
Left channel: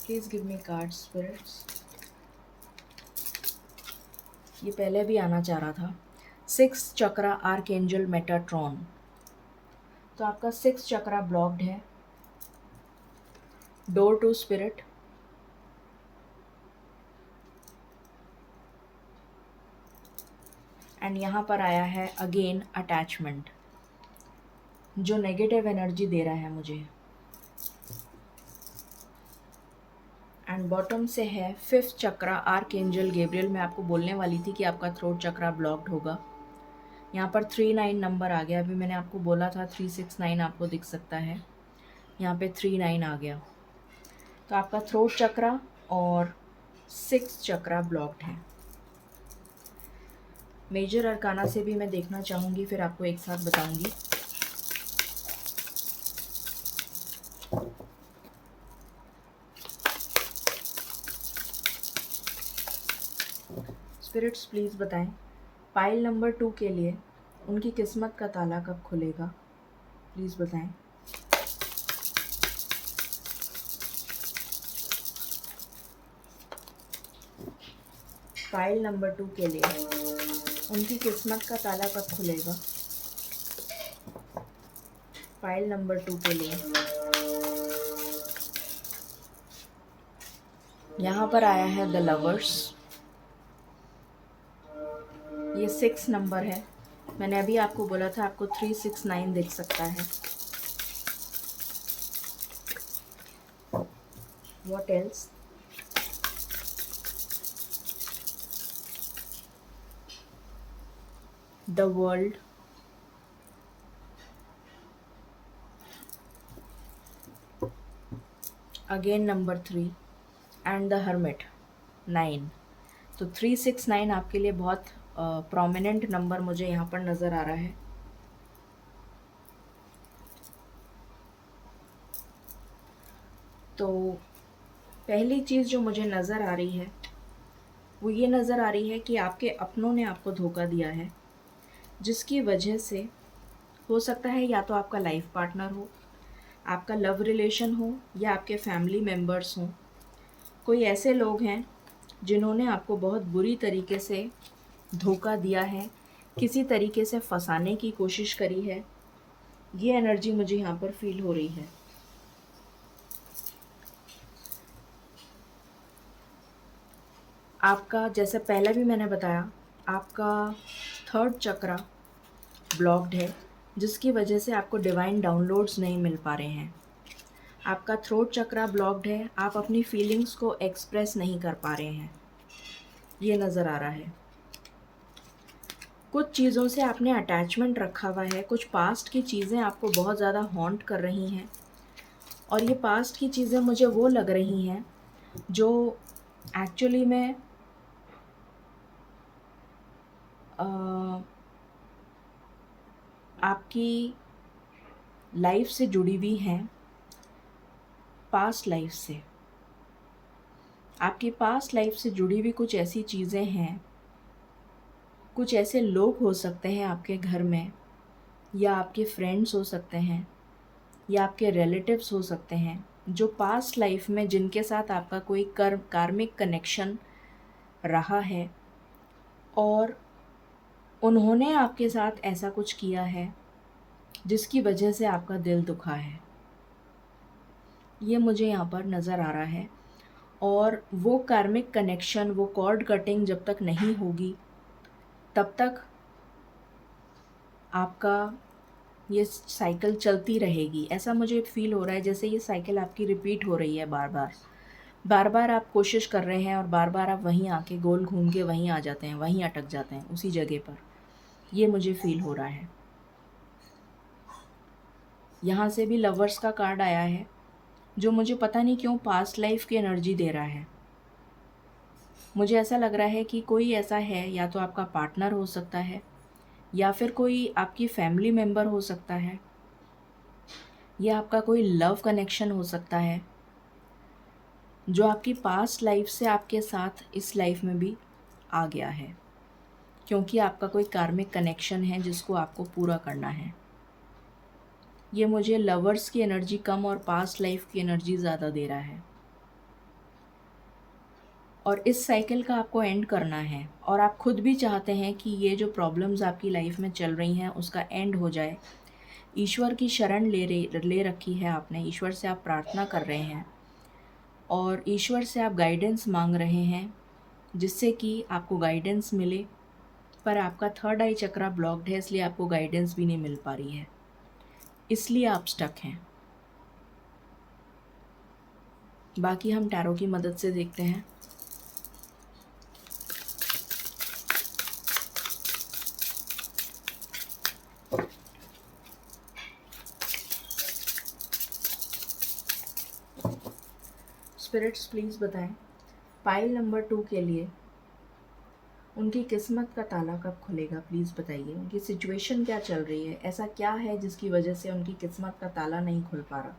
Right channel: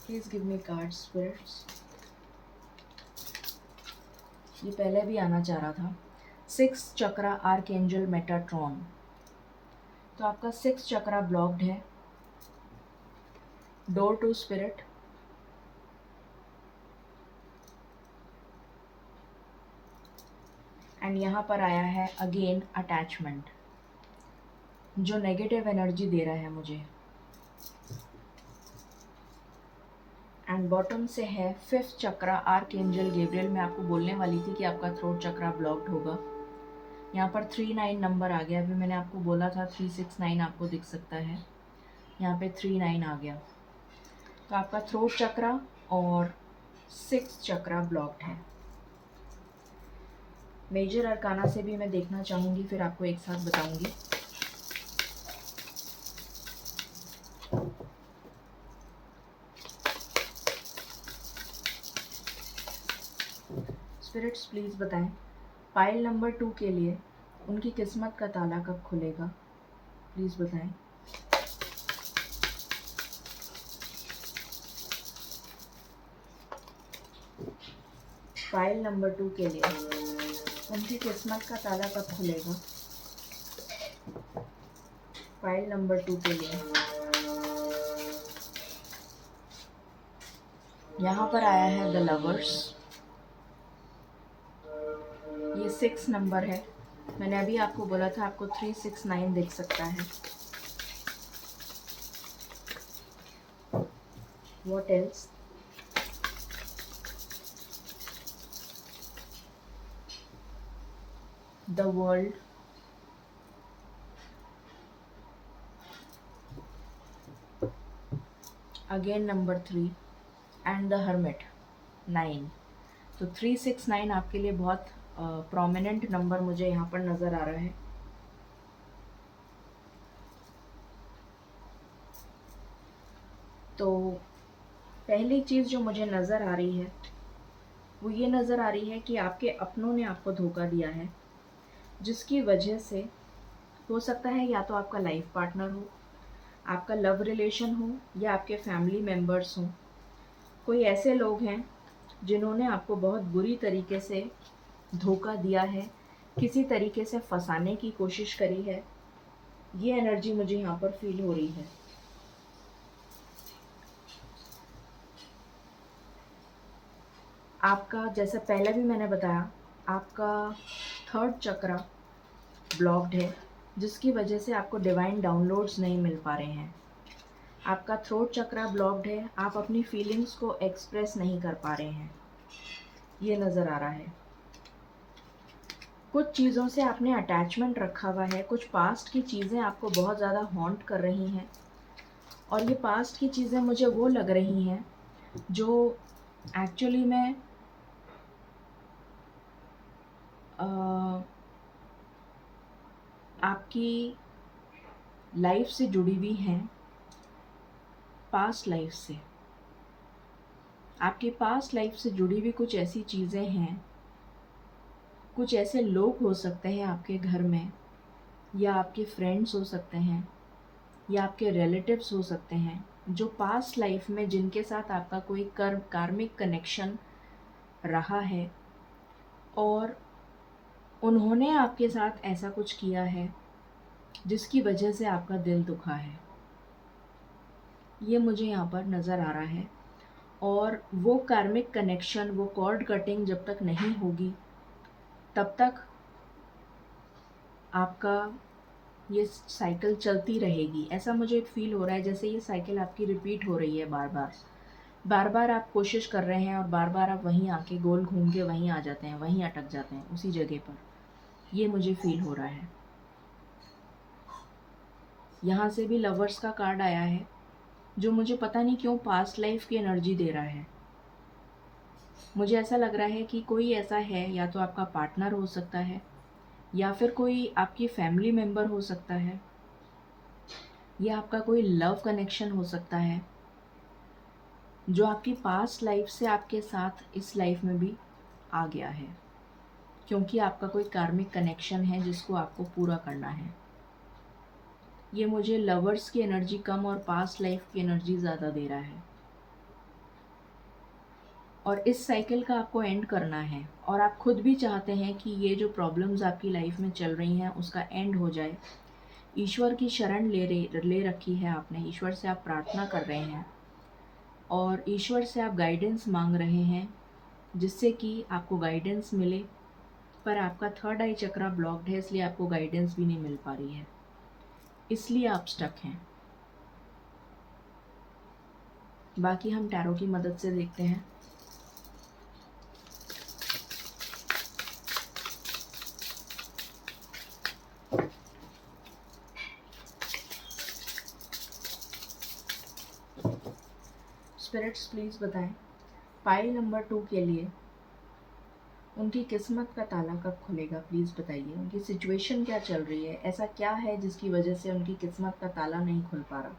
Please give me card spirits. ये पहले भी आना चाह रहा था। 6 चक्रा आर्कएंजल मेटाट्रॉन। तो आपका 6 चक्रा ब्लॉक्ड है। Door to spirit. एंड यहाँ पर आया है अगेन अटैचमेंट, जो नेगेटिव एनर्जी दे रहा है मुझे। एंड बॉटम से है 5th चक्रा आर्कएंजल गैब्रियल। मैं आपको बोलने वाली थी कि आपका थ्रोट चक्रा ब्लॉक्ड होगा। यहाँ पर 39 नंबर आ गया। अभी मैंने आपको बोला था 369 आपको दिख सकता है, यहाँ पे 39 आ गया। तो आपका थ्रोट चक्रा और 6th चक्रा ब्लॉक्ड है। मेजर अरकाना से भी मैं देखना चाहूँगी, फिर आपको एक साथ बताऊँगी। स्पिरिट्स प्लीज़ बताएं पाइल नंबर 2 के लिए उनकी किस्मत का ताला कब खुलेगा, प्लीज़ बताएं। फाइल नंबर 2 के लिए उनकी किस्मत का ताला कब खुलेगा। फाइल नंबर 2 के लिए यहाँ पर आया है द लवर्स। ये 6 नंबर है। मैंने अभी आपको बोला था आपको 369 दिख सकता है। What else? The world. Again number 3 and the hermit 9। तो 369 आपके लिए बहुत प्रोमिनेंट नंबर मुझे यहाँ पर नज़र आ रहा है। तो पहली चीज़ जो मुझे नज़र आ रही है वो ये नज़र आ रही है कि आपके अपनों ने आपको धोखा दिया है, जिसकी वजह से हो सकता है या तो आपका लाइफ पार्टनर हो, आपका लव रिलेशन हो, या आपके फैमिली मेम्बर्स हों। कोई ऐसे लोग हैं जिन्होंने आपको बहुत बुरी तरीके से धोखा दिया है, किसी तरीके से फंसाने की कोशिश करी है। ये एनर्जी मुझे यहाँ पर फील हो रही है। आपका, जैसा पहले भी मैंने बताया, आपका 3rd चक्रा ब्लॉक्ड है, जिसकी वजह से आपको डिवाइन डाउनलोड्स नहीं मिल पा रहे हैं। आपका थ्रोट चक्रा ब्लॉक्ड है, आप अपनी फीलिंग्स को एक्सप्रेस नहीं कर पा रहे हैं, ये नज़र आ रहा है। कुछ चीज़ों से आपने अटैचमेंट रखा हुआ है, कुछ पास्ट की चीज़ें आपको बहुत ज़्यादा हॉन्ट कर रही हैं, और ये पास्ट की चीज़ें मुझे वो लग रही हैं जो एक्चुअली में आपकी लाइफ से जुड़ी हुई हैं, पास्ट लाइफ से। आपकी पास्ट लाइफ से जुड़ी हुई कुछ ऐसी चीज़ें हैं, कुछ ऐसे लोग हो सकते हैं आपके घर में, या आपके फ्रेंड्स हो सकते हैं, या आपके रिलेटिव्स हो सकते हैं, जो पास्ट लाइफ में जिनके साथ आपका कोई कार्मिक कनेक्शन रहा है, और उन्होंने आपके साथ ऐसा कुछ किया है जिसकी वजह से आपका दिल दुखा है। ये मुझे यहाँ पर नज़र आ रहा है। और वो कार्मिक कनेक्शन, वो कॉर्ड कटिंग जब तक नहीं होगी तब तक आपका ये साइकिल चलती रहेगी। ऐसा मुझे फील हो रहा है जैसे ये साइकिल आपकी रिपीट हो रही है बार बार। बार बार आप कोशिश कर रहे हैं और बार बार आप वहीं आके गोल घूम के वहीं आ जाते हैं, वहीं अटक जाते हैं उसी जगह पर। ये मुझे फील हो रहा है। यहाँ से भी लवर्स का कार्ड आया है, जो मुझे पता नहीं क्यों पास्ट लाइफ की एनर्जी दे रहा है। मुझे ऐसा लग रहा है कि कोई ऐसा है, या तो आपका पार्टनर हो सकता है, या फिर कोई आपकी फैमिली मेम्बर हो सकता है, या आपका कोई लव कनेक्शन हो सकता है, जो आपकी पास्ट लाइफ से आपके साथ इस लाइफ में भी आ गया है, क्योंकि आपका कोई कार्मिक कनेक्शन है जिसको आपको पूरा करना है। ये मुझे लवर्स की एनर्जी कम और पास्ट लाइफ की एनर्जी ज़्यादा दे रहा है। और इस साइकिल का आपको एंड करना है, और आप खुद भी चाहते हैं कि ये जो प्रॉब्लम्स आपकी लाइफ में चल रही हैं उसका एंड हो जाए। ईश्वर की शरण ले रखी है आपने, ईश्वर से आप प्रार्थना कर रहे हैं, और ईश्वर से आप गाइडेंस मांग रहे हैं जिससे कि आपको गाइडेंस मिले। पर आपका 3rd आई चक्रा ब्लॉक्ड है, इसलिए आपको गाइडेंस भी नहीं मिल पा रही है, इसलिए आप स्टक हैं। बाकी हम टैरो की मदद से देखते हैं। स्पिरिट्स प्लीज़ बताएं पाइल नंबर 2 के लिए उनकी किस्मत का ताला कब खुलेगा, प्लीज़ बताइए। उनकी सिचुएशन क्या चल रही है, ऐसा क्या है जिसकी वजह से उनकी किस्मत का ताला नहीं खुल पा रहा।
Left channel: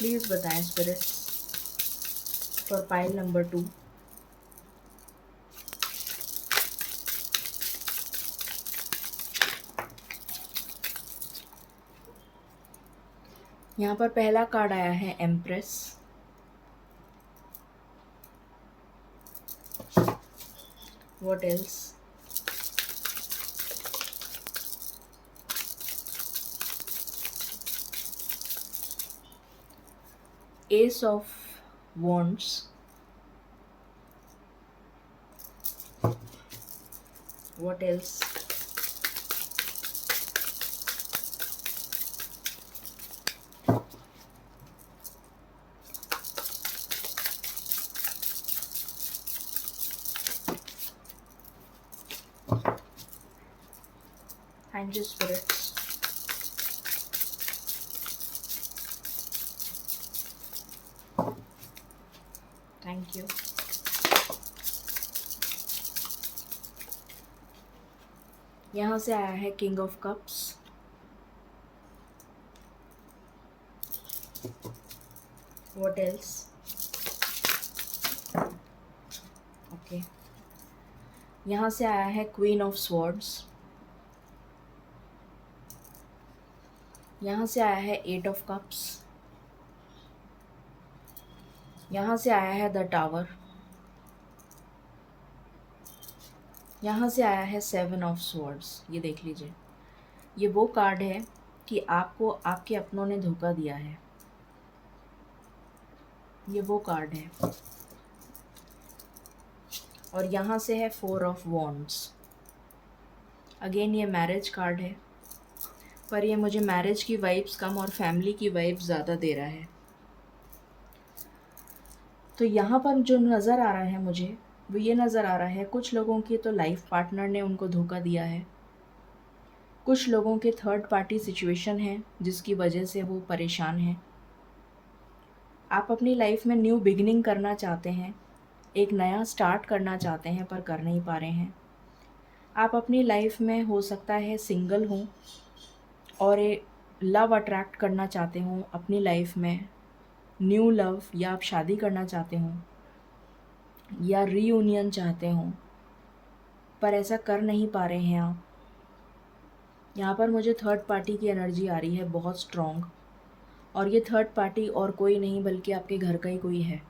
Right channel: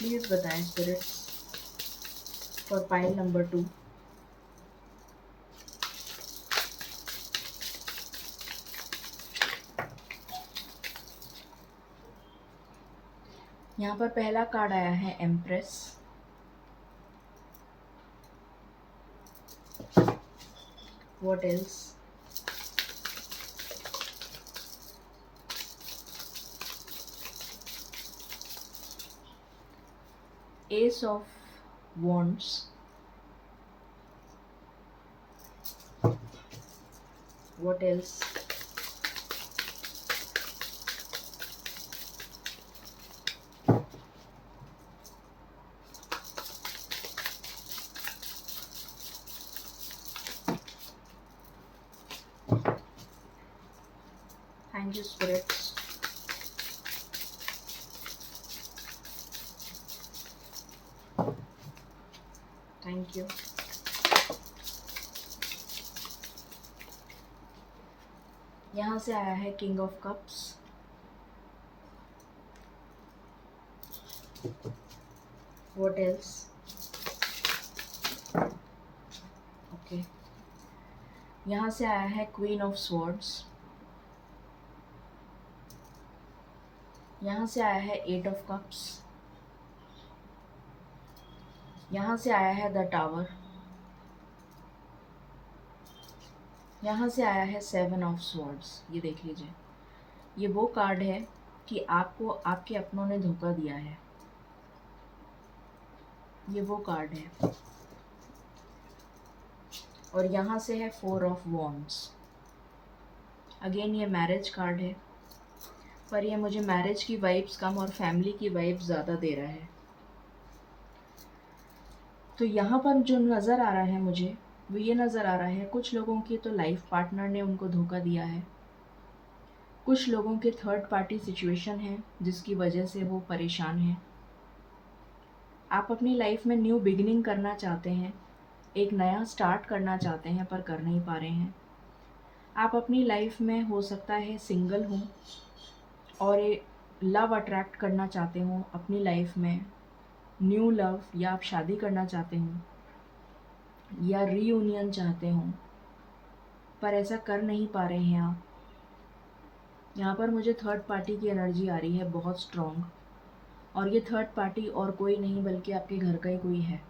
प्लीज़ बताएं स्पिरिट्स फॉर पाइल नंबर 2। यहाँ पर पहला कार्ड आया है empress. What else? S of wands. What else? Thank you, spirits. Thank you. यहाँ से आया है king of cups. What else? Okay. यहाँ से आया है क्वीन ऑफ स्वॉर्ड्स। यहाँ से आया है एट ऑफ कप्स। यहाँ से आया है द टावर। यहाँ से आया है सेवन ऑफ स्वॉर्ड्स। ये देख लीजिए, ये वो कार्ड है कि आपको आपके अपनों ने धोखा दिया है। ये वो कार्ड है। और यहाँ से है फोर ऑफ वॉन्ड्स। अगेन ये मैरिज कार्ड है, पर ये मुझे मैरिज की वाइब्स कम और फैमिली की वाइब्स ज़्यादा दे रहा है। तो यहाँ पर जो नज़र आ रहा है मुझे, वो ये नज़र आ रहा है कुछ लोगों की तो लाइफ पार्टनर ने उनको धोखा दिया है। कुछ लोगों के थर्ड पार्टी सिचुएशन है जिसकी वजह से वो परेशान हैं। आप अपनी लाइफ में न्यू बिगिनिंग करना चाहते हैं, एक नया स्टार्ट करना चाहते हैं, पर कर नहीं पा रहे हैं। आप अपनी लाइफ में हो सकता है सिंगल हों और एक लव अट्रैक्ट करना चाहते हों अपनी लाइफ में, न्यू लव, या आप शादी करना चाहते हों या रीयूनियन चाहते हों, पर ऐसा कर नहीं पा रहे हैं आप। यहाँ पर मुझे थर्ड पार्टी की एनर्जी आ रही है बहुत स्ट्रॉन्ग, और ये थर्ड पार्टी और कोई नहीं बल्कि आपके घर का ही कोई है।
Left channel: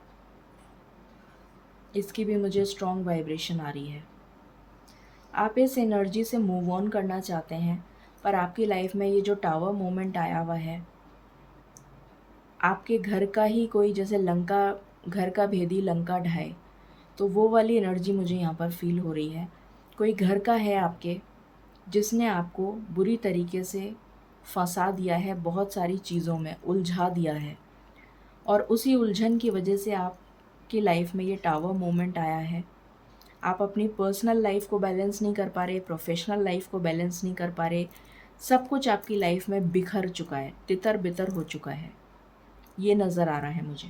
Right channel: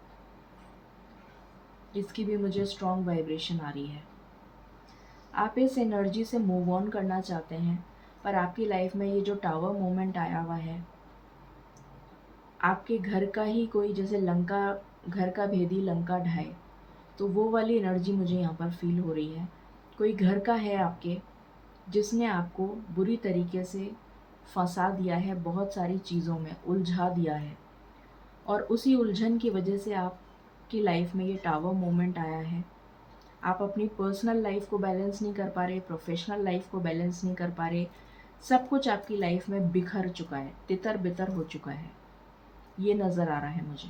इसकी भी मुझे स्ट्रॉन्ग वाइब्रेशन आ रही है। आप इस एनर्जी से मूव ऑन करना चाहते हैं, पर आपकी लाइफ में ये जो टावर मोमेंट आया हुआ है, आपके घर का ही कोई, जैसे लंका, घर का भेदी लंका ढाए, तो वो वाली एनर्जी मुझे यहाँ पर फील हो रही है। कोई घर का है आपके जिसने आपको बुरी तरीके से फंसा दिया है, बहुत सारी चीज़ों में उलझा दिया है, और उसी उलझन की वजह से आपकी लाइफ में ये टावर मोमेंट आया है। आप अपनी पर्सनल लाइफ को बैलेंस नहीं कर पा रहे, प्रोफेशनल लाइफ को बैलेंस नहीं कर पा रहे, सब कुछ आपकी लाइफ में बिखर चुका है, तितर बितर हो चुका है, ये नज़र आ रहा है मुझे।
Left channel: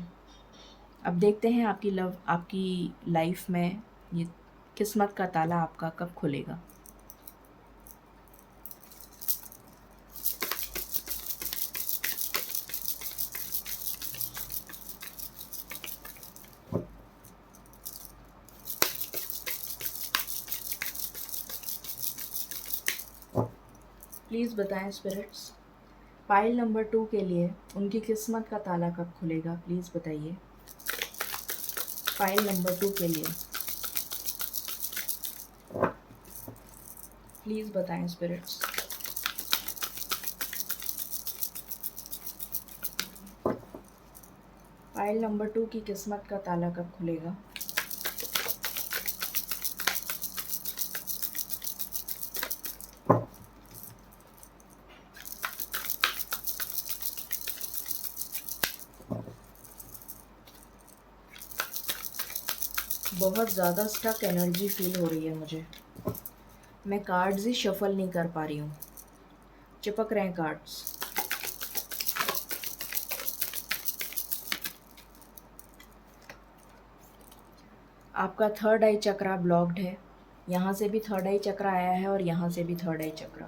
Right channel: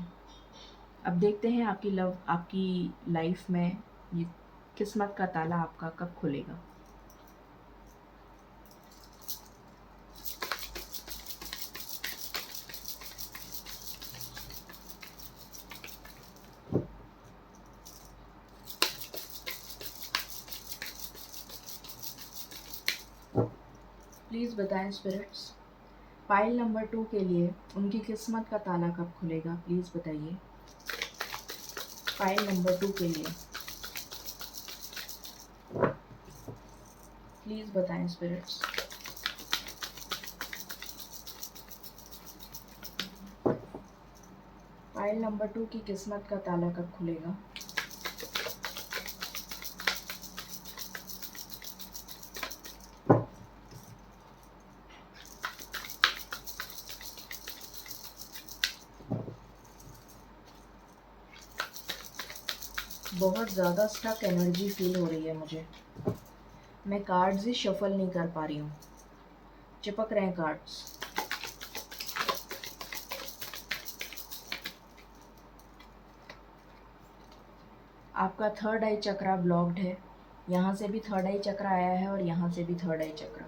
अब देखते हैं आपकी लाइफ में ये किस्मत का ताला आपका कब खुलेगा। प्लीज़ बताएं स्पिरिट्स, पाइल नंबर 2 के लिए उनकी किस्मत का ताला कब खुलेगा। प्लीज़ बताइए पाइल नंबर 2 के लिए। प्लीज़ बताएं स्पिरिट्स। पाइल नंबर 2 की किस्मत का ताला कब खुलेगा। बहुत ज़्यादा स्टक एनर्जी फील हो रही है मुझे। मैं कार्ड्स ही शफल नहीं कर पा रही हूँ, चिपक रहे हैं कार्ड्स। आपका थर्ड आई चक्रा ब्लॉक्ड है। यहाँ से भी थर्ड आई चक्रा आया है और यहाँ से भी थर्ड आई चक्रा।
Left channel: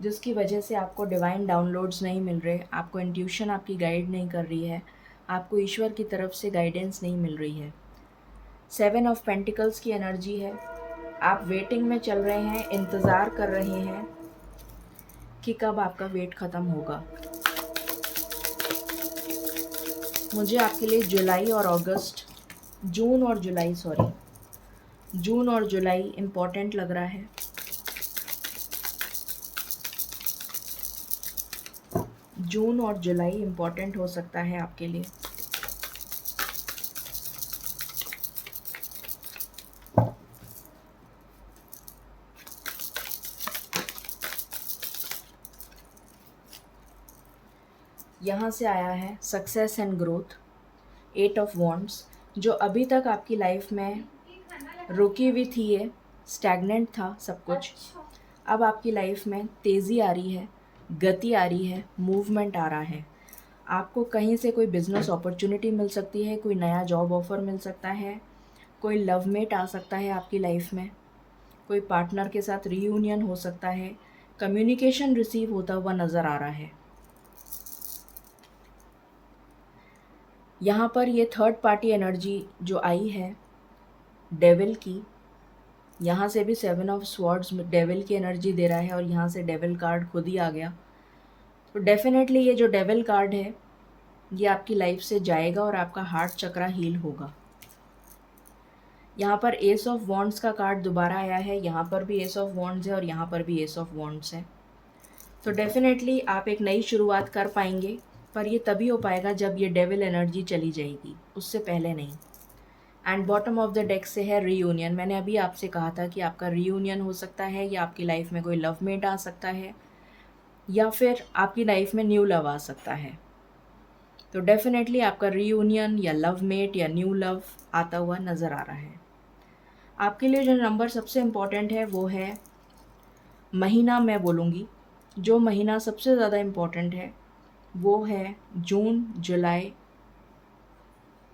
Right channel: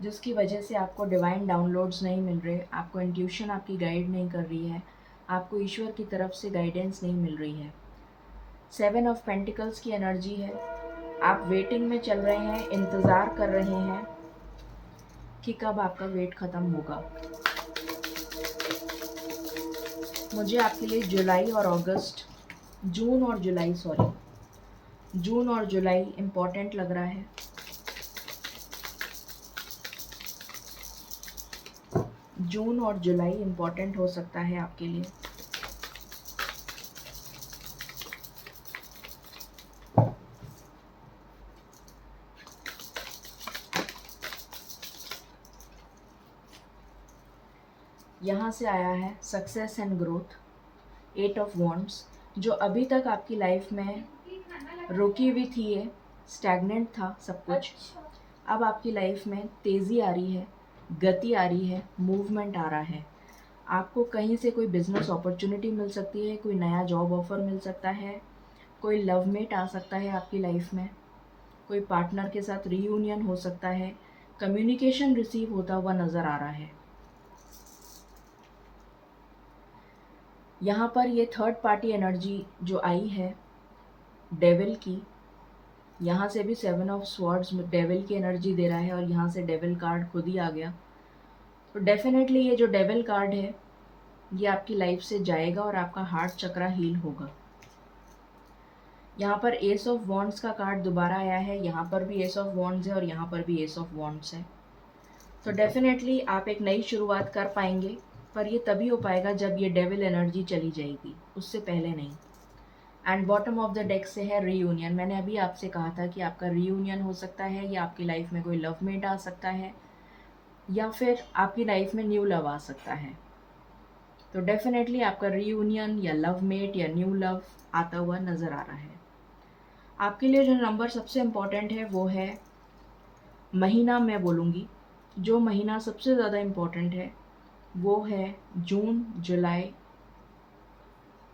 जिसकी वजह से आपको डिवाइन डाउनलोड्स नहीं मिल रहे, आपको इंट्यूशन आपकी गाइड नहीं कर रही है, आपको ईश्वर की तरफ से गाइडेंस नहीं मिल रही है। 7 ऑफ पेंटिकल्स की एनर्जी है। आप वेटिंग में चल रहे हैं, इंतज़ार कर रहे हैं कि कब आपका वेट ख़त्म होगा। मुझे आपके लिए जून और जुलाई इम्पॉर्टेंट लग रहा है। जून और जुलाई इम्पॉर्टेंट हो सकता है आपके लिए। यहाँ से आया है success and growth, 8 of wands. जो अभी तक आपकी लाइफ में रुकी हुई थी, ये स्टैग्नेंट था सब कुछ, अब आपकी लाइफ में तेज़ी आ रही है, गति आ रही है, मूवमेंट आ रहा है। आपको कहीं से कोई बिज़नेस अपॉर्चुनिटी मिल सकती है, कोई नया जॉब ऑफ़र मिल सकता है, कोई लवमेट आ सकता है आपकी लाइफ में, कोई पार्टनर के साथ रीयूनियन हो सकता है, कम्युनिकेशन रिसीव होता हुआ नज़र आ रहा है। यहाँ पर ये थर्ड पार्टी एनर्जी जो आई है डेविल की, यहाँ से भी 7 ऑफ स्वॉर्ड्स डेविल की एनर्जी दे रहा है और यहाँ से डेविल कार्ड खुद ही आ गया। तो डेफिनेटली ये जो डेविल कार्ड है ये आपकी लाइफ से जाएगा और आपका हार्ट चक्रा हील होगा। यहाँ पर एस ऑफ वॉन्ड्स का कार्ड दोबारा आया है, यहाँ पर भी एस ऑफ वॉन्ड्स है और यहाँ पर भी एस ऑफ वॉन्ड्स है। तो डेफिनेटली आप एक नई शुरुआत कर पाएंगे, पर ये तभी हो पाएगा जब ये डेविल एनर्जी चली जाएगी, उससे पहले नहीं। And bottom of the deck से है रीयूनियन। मैंने अभी आपसे कहा था कि आपका रीयूनियन हो सकता है, या आपकी लाइफ में कोई लवमेट आ सकता है, या फिर आपकी लाइफ में न्यू लव आ सकता है। तो डेफिनेटली आपका रीयूनियन या लवमेट या न्यू लव आता हुआ नज़र आ रहा है। आपके लिए जो नंबर सबसे इम्पॉर्टेंट है वो है महीना, मैं बोलूँगी जो महीना सबसे ज़्यादा इम्पॉर्टेंट है वो है जून, जुलाई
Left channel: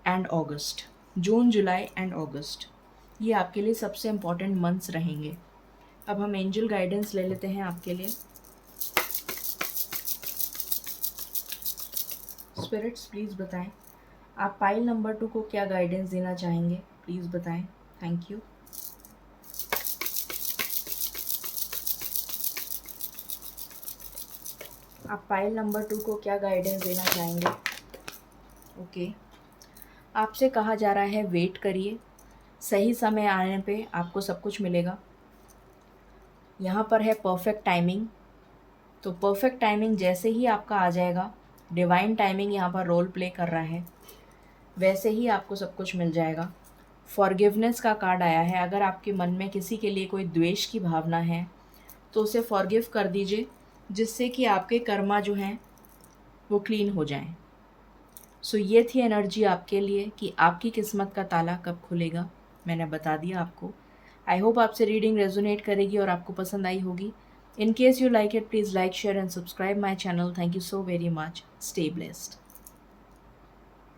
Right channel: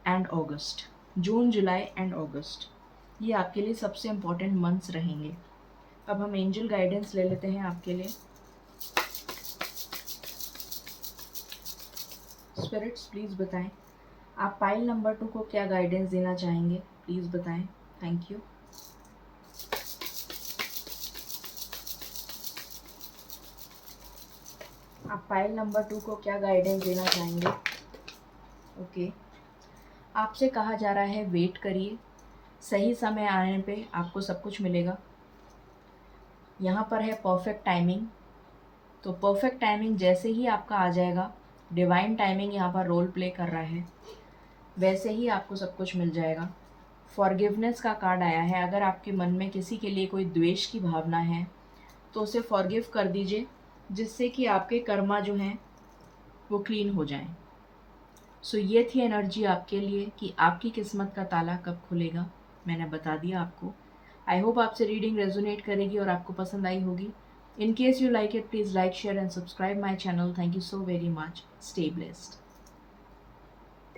and August. June, July and August, ये आपके लिए सबसे इम्पॉर्टेंट मंथ्स रहेंगे। अब हम एंजल गाइडेंस ले लेते हैं आपके लिए। स्पिरिट्स प्लीज़ बताएं आप पाइल नंबर 2 को क्या गाइडेंस देना चाहेंगे, प्लीज़ बताएं। Thank you. आप पाइल नंबर 2 को क्या गाइडेंस देना चाहेंगे? ओके, आपसे कहा जा रहा है वेट करिए, सही समय आने पे आपको सब कुछ मिलेगा। यहाँ पर है परफेक्ट टाइमिंग, तो परफेक्ट टाइमिंग जैसे ही आपका आ जाएगा, डिवाइन टाइमिंग यहाँ पर रोल प्ले कर रहा है, वैसे ही आपको सब कुछ मिल जाएगा। फॉरगिवनेस का कार्ड आया है। अगर आपके मन में किसी के लिए कोई द्वेष की भावना है तो उसे फॉरगिव कर दीजिए, जिससे कि आपके कर्मा जो हैं वो क्लीन हो जाएं। सो ये थी एनर्जी आपके लिए कि आपकी किस्मत का ताला कब खुलेगा, मैंने बता दिया आपको। आई होप आपसे रीडिंग रेजोनेट करेगी और आपको पसंद आई होगी। In case you like it, please like, share and subscribe my channel. Thank you so very much. Stay blessed.